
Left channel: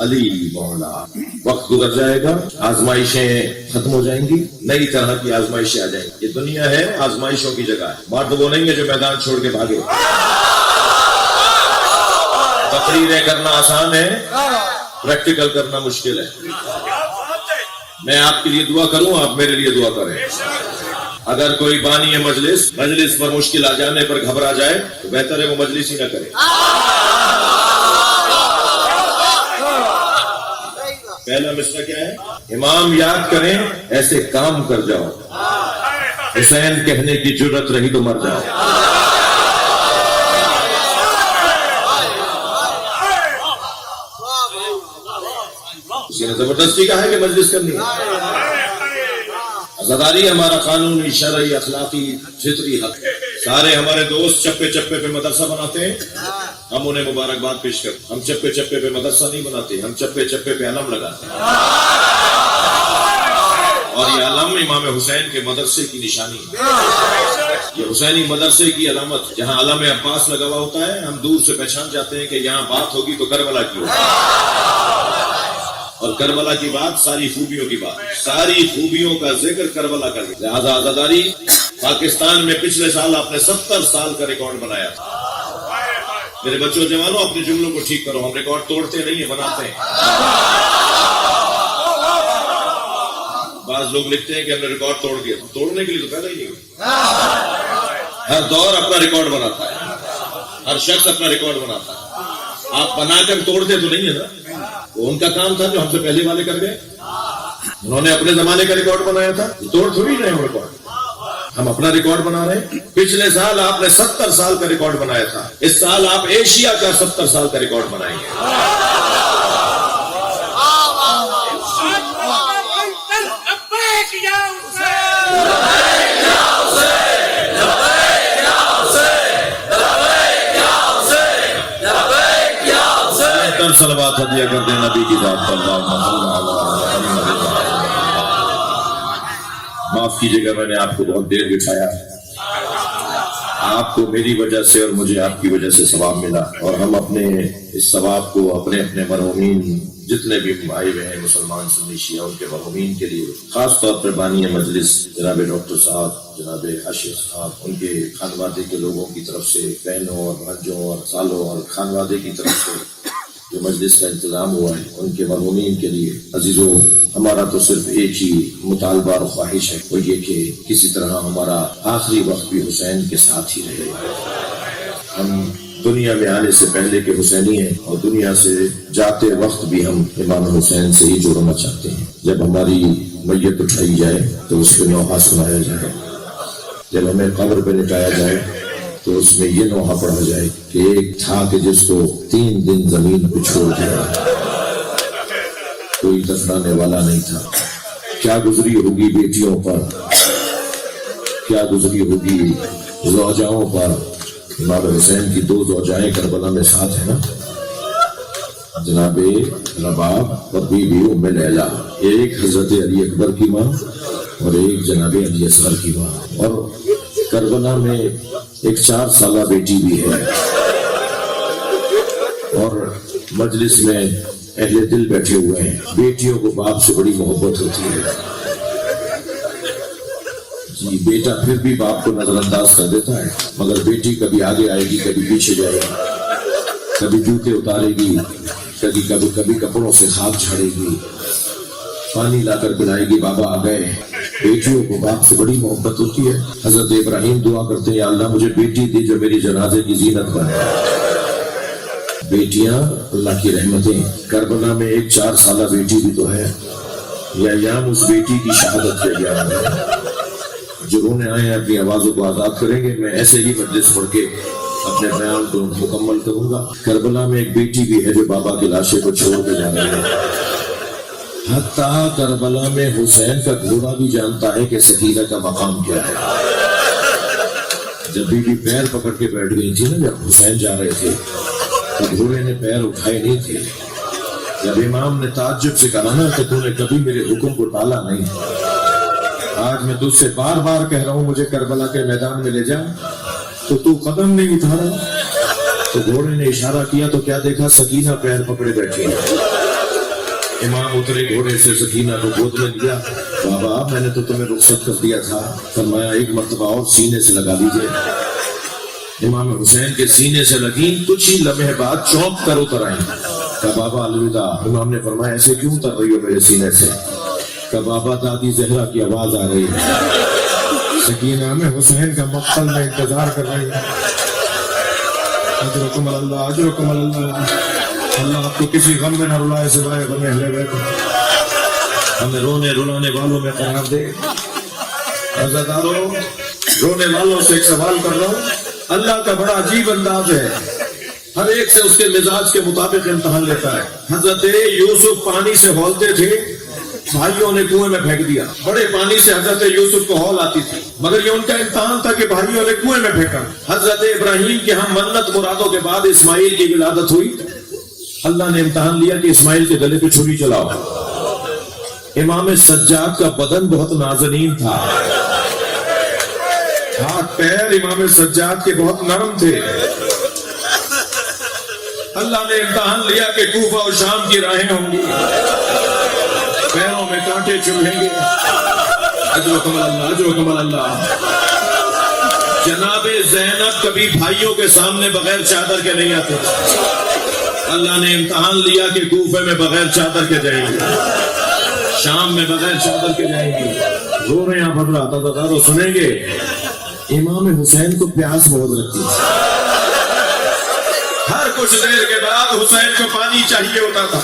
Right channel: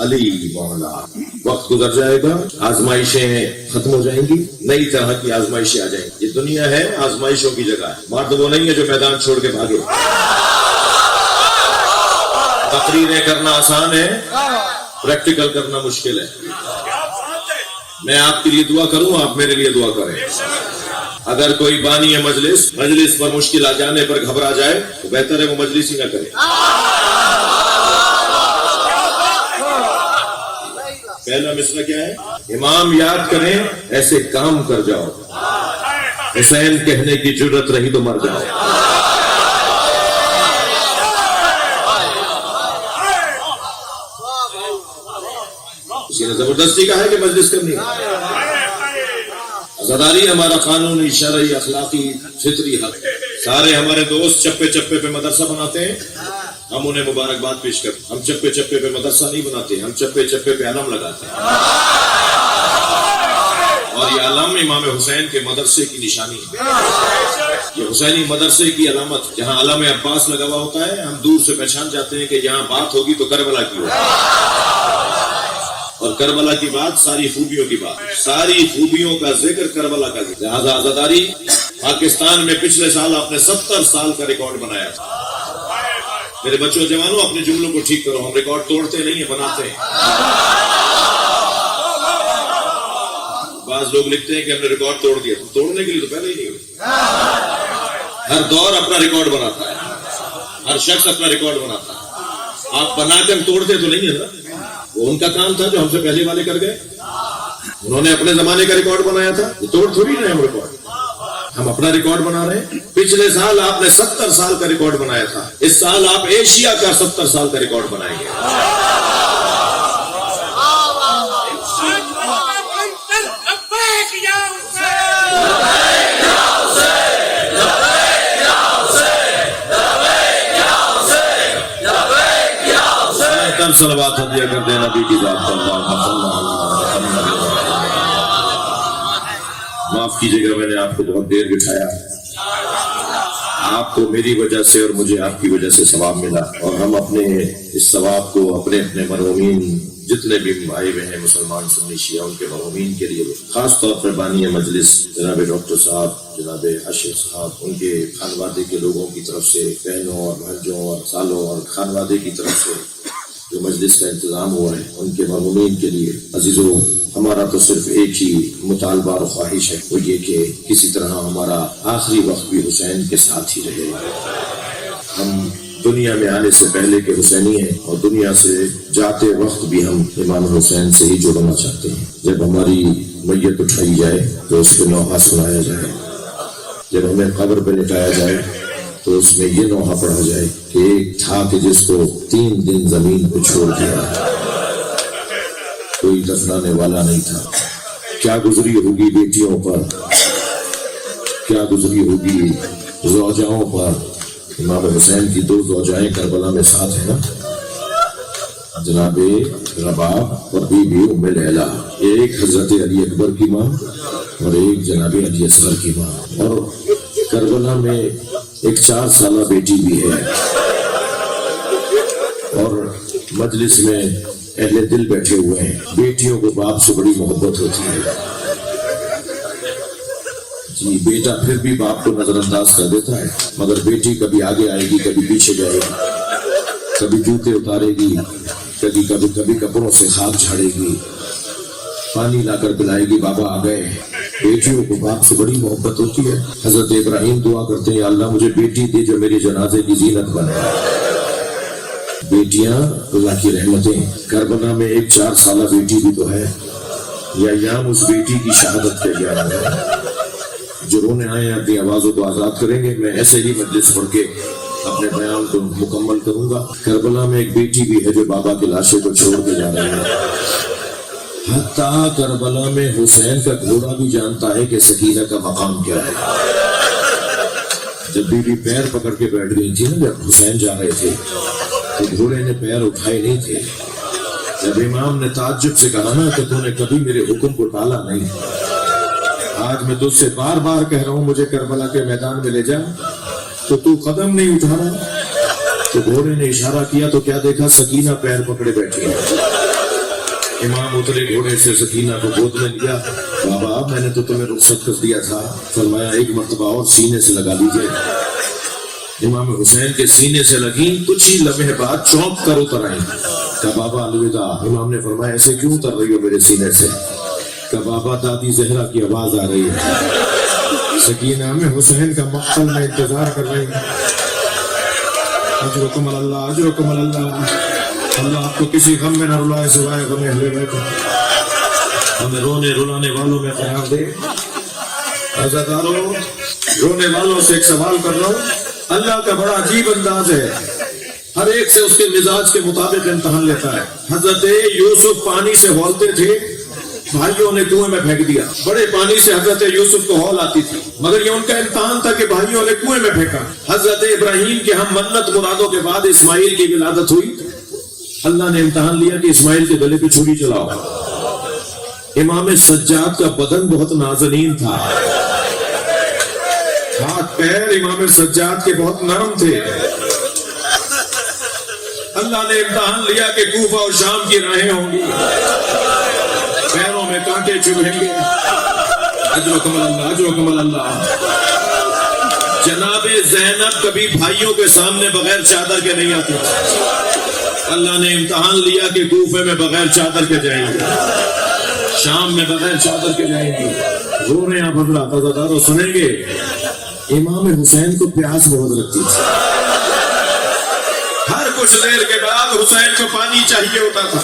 علی مولا. وقت گزر جائے گا, آزمائشیں ختم ہو جائیں گی, نئی طرح کی آزمائشیں آ جائیں گی. یہ دنیا ہے آزمائشوں کی جگہ ہے. مرد وہ نہیں ہے جو میدان چھوڑ کے بھاگے. تقریریں کرنا آسان ہے, پریکٹیکل کرنا مشکل ہے. میں آپ کے لیے دعا کروں, آپ میرے لیے دعا کریں. اگر کوئی بانی ہے مجلس پر مشکل آ جانے پر گھبرا جائے تو بہتر ہے وہ مجلس ہی نہ کرے. پہلا مسئلہ کیا ہے؟ امام یاد کریں ایسے کام کر جاؤ. حسین کہنے کی جرت رہی تو مر جاؤ. کسی نے زبردستی کہا ہے کہ مجلس کرنی ہے. عزاداری ہمارا قانونی شرعی اخلاقی فطری ہے. سارے ہمارے دوست چپے چپے پہ مدرسہ بناتے ہیں, ہم انہیں مبارکباد پیش کرتے. ہم چپے چپے پہ مدرسہ نہیں بناتے, ہم چپے چپے پہ علم لگاتے ہیں. اور یہ علم امام حسین کے مدرسے کی نشانی ہے. یہ حسینی مدرسے کی علامت. جہاں علم عباس لگا ہوا ہوتا ہے ہم دور سے پہچان جاتے ہیں کہ یہاں بات ہوگی تو کربلا کی ہوگی. اور کربلا کی بات ساری خوبیوں کی بات, ساری خوبیوں کا ذکر کربلا کا ذکر. لہٰذا عزاداری پاکستان میں پچھلے سال آپ نے 70 سال کا ریکارڈ بنایا تھا. میرے بچوں جوانوں اپنے جملوں کو ٹھیک کرو. ہم ریکارڈ توڑتے نہیں ہیں, بناتے ہیں. بعض لوگ لکھتے ہیں کہ ہم نے ریکارڈ توڑ دیا. توڑنے کے لیے تو پیدا ہی نہیں ہوئی. ہر دور اپنا ریکارڈ بناتا ہے, ہر شخص اپنا ریکارڈ بناتا ہے. آپ بنا کر توڑتے تو نہیں ہے نا. وہ ان کا کام تھا جو ہم سے پہلے والے کر گئے. انہوں نے اپنے زمانے کا ریکارڈ بنایا تھا, تو توڑ تھوڑی رہے ہم ریکارڈ. ہم اپنا ریکارڈ بنا رہے ہیں. پچھلے سال آپ نے 70 سال کا ریکارڈ بنایا تھا. اس سال آپ ایشیا کا 70 سال کا ریکارڈ بنائیں گے. صلوات ہدیہ کر دیں نبی کی ذات پر. معاف کیجیے گا, میں نے آپ کو بہت دیر بٹھایا. آپ کو میری وجہ سے اور مجھے آپ کی وجہ سے ثواب ملا, اور ہم اپنے اس ثواب کو اپنے مرحومین جتنے بھی آئے ہوئے ہیں مسلمان سنی شیعہ ان کے مرحومین کے لیے, خاص طور پر بانی مجلس جناب ڈاکٹر صاحب, جناب اشرف صاحب, ان کے خانوادے کے لوگوں کی طرف سے, بہنوں اور بھانجوں اور سالوں اور خانوادے کی طرف سے جو مجلس کا انتظام ہوا ہے, ان کے مرحومین کے لیے. عزیزوں, ہمارا تو صرف ایک ہی مطالبہ اور خواہش ہے, وہ یہ کہ کسی طرح ہمارا آخری وقت بھی حسین کے ساتھ ہی رہے. ہم دنیا میں آنے سے پہلے کے حسینی ہیں, اور دنیا سے جاتے وقت بھی ہم امام حسین سے ہی جڑنا چاہتے ہیں. جب ہماری میت اٹھائی جائے تو اس کو نوحہ سنایا جائے. جب ہمیں قبر پہ لٹایا جائے تو اس میں یہ نوحہ پڑھا جائے کہ ایک تھا کہ جس کو 3 دن زمین پہ چھوڑ دیا, کوئی دفنانے والا نہیں تھا. کیا گزری ہوگی بیٹیوں پر, کیا گزری ہوگی زوجاؤں پر. امام حسین کی 2 زوجائیں کربلا میں ساتھ ہیں نا, جناب رباب اور بی بی ام لیلا. ایک حضرت علی اکبر کی ماں اور ایک جناب علی اصغر کی ماں. اور کربلا میں ایک 4 سالہ بیٹی بھی ہے. اور مجلس میں اہل دل بیٹھے ہوئے ہیں. بیٹیوں کو باپ سے بڑی محبت ہوتی ہے جی. بیٹا پھر بھی باپ کو نظر انداز کر دیتا ہے, مگر بیٹی کبھی آگے آئے گی, کبھی پیچھے جائے گی, کبھی جوتے اتارے گی, کبھی کپڑوں سے خاک جھاڑے گی, پانی لا کر پلائے گی, بابا آ گئے. بیٹیوں کو باپ سے بڑی محبت ہوتی ہے. حضرت ابراہیم دعا کرتے ہیں, اللہ مجھے بیٹی دی جو میری جنازے کی زینت کرے. بیٹیاں اللہ کی رحمتیں. کربلا میں ایک 4 سالہ بیٹی بھی تو ہے. یا اس بیٹی کی شہادت کے لیے آیا ہے. جو رونے آئے ہیں اپنی آوازوں کو آزاد کریں گے. میں ایسے ہی مجلس پڑھ کے اپنے بیان کو مکمل کروں گا. کربلا میں ایک بیٹی بھی ہے جو بابا کی لاشیں کو چھوڑ کے جا رہی ہے. حتیٰ کربلا میں حسین کا گھوڑا بھی جانتا ہے کہ سکینہ کا مقام کیا ہے. جب بھی پیر پکڑ کے بیٹھ گئی تھی نا, جب حسین جا رہے تھے تو گھوڑے نے پیر اٹھائے نہیں تھے. جب امام نے تعجب سے کہا نا کہ تو نے کبھی میرے حکم کو ٹالا نہیں, آج میں تجھ سے بار بار کہہ رہا ہوں مجھے کربلا کے میدان میں لے جا, تو قدم نہیں اٹھا رہا. تو گھوڑے نے اشارہ کیا تو کیا دیکھا, سکینہ پیر پکڑے بیٹھی ہے. امام اترے گھوڑے سے، سکینہ کو گود میں لیا. بابا میں نے تو تمہیں رخصت کر دیا تھا. فرمایا ایک مرتبہ اور سینے سے لگا لیجیے. امام حسین کے سینے سے لگی، کچھ ہی لمحے بعد چونک کر اتر آئی. کہا بابا الوداع. امام نے فرمایا ایسے کیوں اتر رہی ہو میرے سینے سے؟ کہ بابا دادی زہرا کی آواز آ رہی ہے. سکینہ میں حسین کا مقتل میں انتظار کر رہی ہے. اجرکم اللہ، اجرکم اللہ. اللہ آپ کو کسی غم میں نہ رلائے سوائے غم اہل بیت. ہمیں رونے رلانے والوں میں قرار دے. عزاداروں، رونے والوں سے ایک سوال کر رہا ہوں. اللہ کا بڑا عجیب انداز ہے، ہر ایک سے اس کے مزاج کے مطابق امتحان لیتا ہے. حضرت یوسف پانی سے ہولتے تھے، بھائیوں نے کنویں میں پھینک دیا. بڑے پانی سے حضرت یوسف کو ہول آتی تھی، مگر یہ ان کا امتحان تھا کہ بھائیوں نے کنویں میں پھینکا. حضرت ابراہیم کے ہم منت مرادوں کے بعد اسماعیل کی ولادت ہوئی. اللہ نے امتحان لیا کہ اسماعیل کے گلے پہ چھری چلاؤ. امام سجاد کا بدن بہت نازنین تھا، ہاتھ پیر امام سجاد کے بہت نرم تھے. اللہ نے امتحان لیا کہ کوفہ اور شام کی راہیں ہوں گی، پیروں میں کانٹے چبھیں گے. اجرکم اللہ، اجرکم اللہ. جناب زینب کبھی بھائیوں کے سامنے بغیر چادر کے نہیں آتے. اللہ نے امتحان لیا کہ کوفے میں بغیر چادر کے جائیں گے، شام میں بغیر چادر کے جائیں گے. رو رہے ہیں آپ حضرات، وہ سنیں گے. امام حسین کو پیاس بہت لگتی تھی. ہر کچھ دیر کے بعد حسین کو پانی چاہیے ہوتا تھا.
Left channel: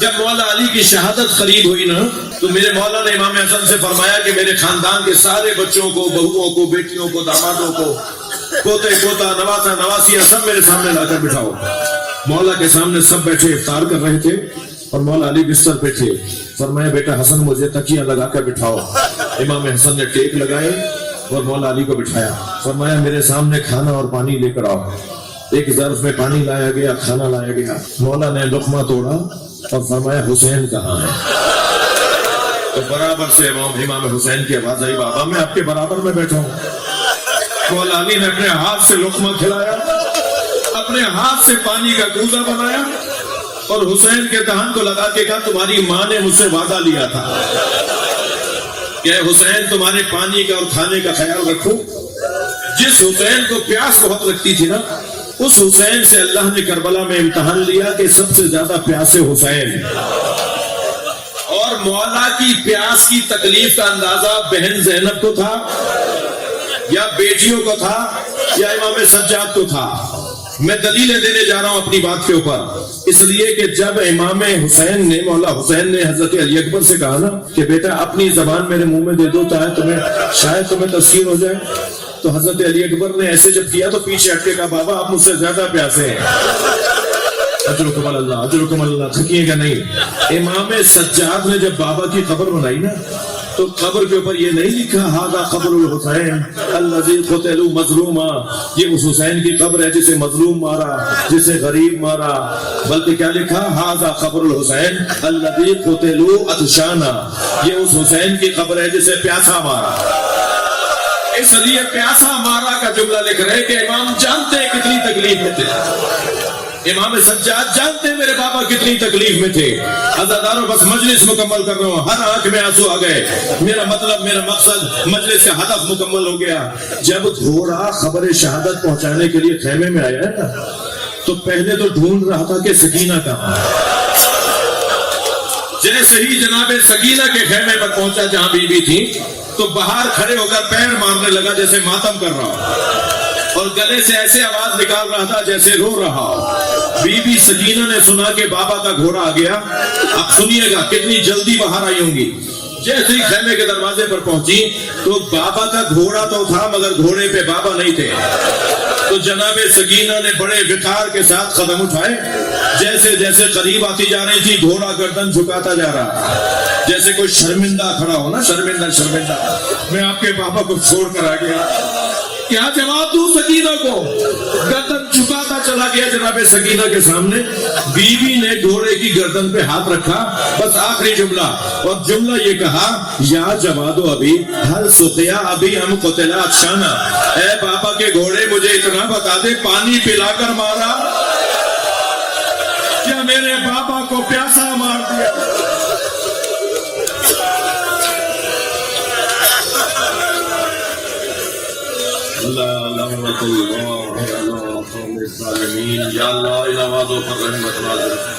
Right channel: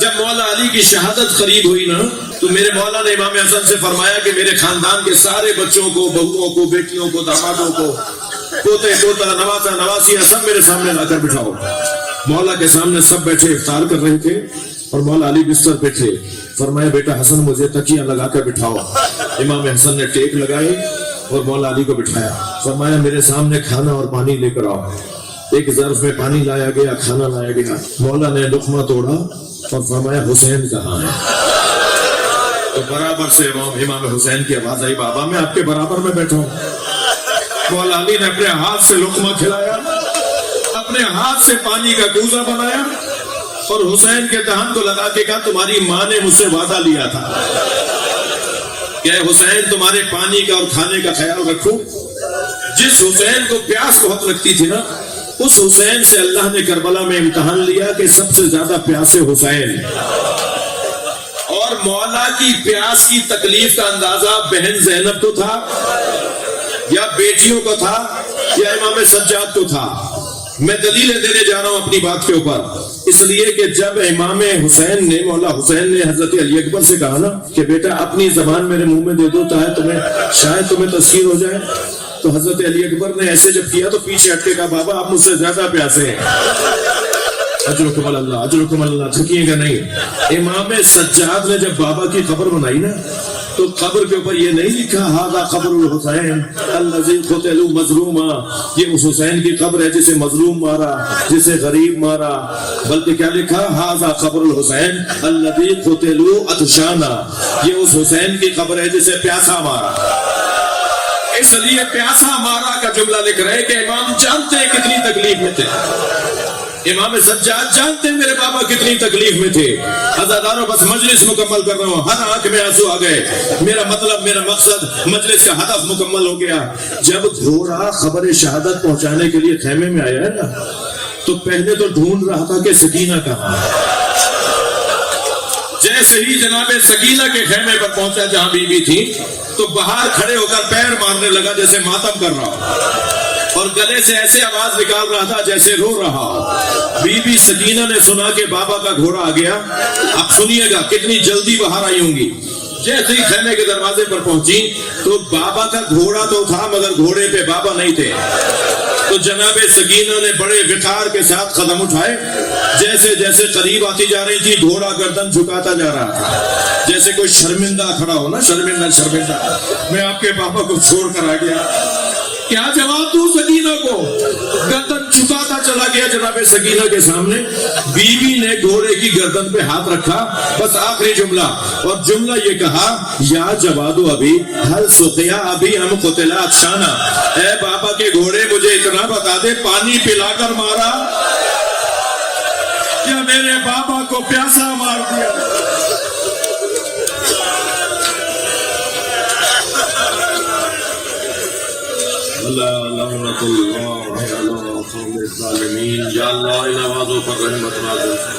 جب مولا علی کی شہادت قریب ہوئی نا، تو میرے مولا نے امام حسن سے فرمایا کہ میرے خاندان کے سارے بچوں کو، بہوؤں کو، بیٹیوں کو، دامادوں کو، پوتے پوتا، نواسا نواسیاں سب میرے سامنے لا کر بٹھاؤ. مولا کے سامنے سب بیٹھے افطار کر رہے تھے اور مولا علی بستر پہ تھے. فرمایا بیٹا حسن مجھے تکیاں لگا کر بٹھاؤ. امام حسن نے ٹیک لگائے اور مولا علی کو بٹھایا. فرمایا میرے سامنے کھانا اور پانی لے کر آؤ. ایک ظرف میں پانی لایا گیا، کھانا لایا گیا. مولا نے لقمہ توڑا اور فرمایا حسین کہاں ہے؟ اور برابر سے امام حسین کی آواز آئی، بابا میں آپ کے برابر میں بیٹھا ہوں. مولا علی نے اپنے ہاتھ سے لقمہ کھلایا، اپنے ہاتھ سے پانی کا کوزہ بنایا اور حسین کے دہن کو لگا کے کہا تمہاری ماں نے مجھ سے وعدہ لیا تھا کہ حسین تمہارے پانی کا اور کھانے کا خیال رکھو. جس حسین کو پیاس بہت لگتی تھی نا، اس حسین سے اللہ نے کربلا میں امتحان لیا کہ سب سے زیادہ پیاسے حسین. اور مولا کی پیاس کی تکلیف کا اندازہ بہن زینب کو تھا یا بیٹیوں کو تھا یا امام سجاد کو تھا. میں دلیلیں دینے جا رہا ہوں اپنی بات کے اوپر، اس لیے کہ جب امام حسین نے، مولا حسین نے حضرت علی اکبر سے کہا نا کہ بیٹا اپنی زبان میرے منہ میں دے دو تاکہ شاید تمہیں تسخیر ہو جائے، تو حضرت علی اکبر نے ایسے جب کیا تو پیچھے ہٹ کے کہا بابا آپ مجھ سے زیادہ پیاسے ہیں. اجرکم اللہ، اجرکم اللہ. جھکیے گا نہیں. امام سجاد نے جب بابا کی قبر بنائی نا، تو قبر کے اوپر یہ نہیں لکھا ہذا قبر الحسین الذی قتل مظلوما، یہ اس حسین کی قبر ہے جسے مظلوم مارا، جسے غریب مارا، بلکہ کیا لکھا ہذا قبر الحسین الذی قتل عطشانا، یہ اس حسین کی قبر ہے جسے پیاسا مارا. اس لیے پیاسا مارا کا جملہ لکھ رہے کہ امام جانتے ہیں کتنی تکلیف میں تھے. امام سجاد جانتے ہیں میرے بابا کتنی تکلیف میں تھے. عزاداروں بس مجلس مکمل کر رہا ہوں، ہر آنکھ میں آنسو آ گئے. میرا مطلب، میرا مقصد، مجلس کا ہدف مکمل ہو گیا. جب گھوڑا خبر شہادت پہنچانے کے لیے خیمے میں آیا ہے نا، تو پہلے تو ڈھونڈ رہا تھا کہ سکینہ کہاں. جیسے ہی جناب سکینہ کے خیمے پر پہنچا جہاں بی بی تھی، تو باہر کھڑے ہو کر پیر مارنے لگا جیسے ماتم کر رہا، اور گلے سے ایسے آواز نکال رہا تھا جیسے رو رہا. بی بی سکینہ نے سنا کہ بابا کا گھوڑا آ گیا. اب سنیے گا کتنی جلدی باہر آئی ہوں گی. جیسے ہی خیمے کے دروازے پر پہنچی تو بابا کا گھوڑا تو تھا مگر گھوڑے پہ بابا نہیں تھے. تو جناب سکینہ نے بڑے وقار کے ساتھ قدم اٹھائے. جیسے جیسے قریب آتی جا رہی تھی گھوڑا گردن جھکاتا جا رہا تھا جیسے کوئی شرمندہ کھڑا ہو نا، شرمندہ شرمندہ میں آپ کے بابا کو چھوڑ کر آ گیا. کیا جواب دوں سکینہ کو؟ گردن جھکاتا چلا گیا جناب سکینہ کے سامنے. بیوی نے گھوڑے کی گردن پہ ہاتھ رکھا. بس آخری جملہ، اور جملہ یہ کہا یا جوادو ابھی ہر سقیا ابھی ہم قتلات شانہ، اے بابا کے گھوڑے مجھے اتنا بتا دے پانی پلا کر مارا؟ میرے بابا کو پیاسا مار دیا. یا اللہ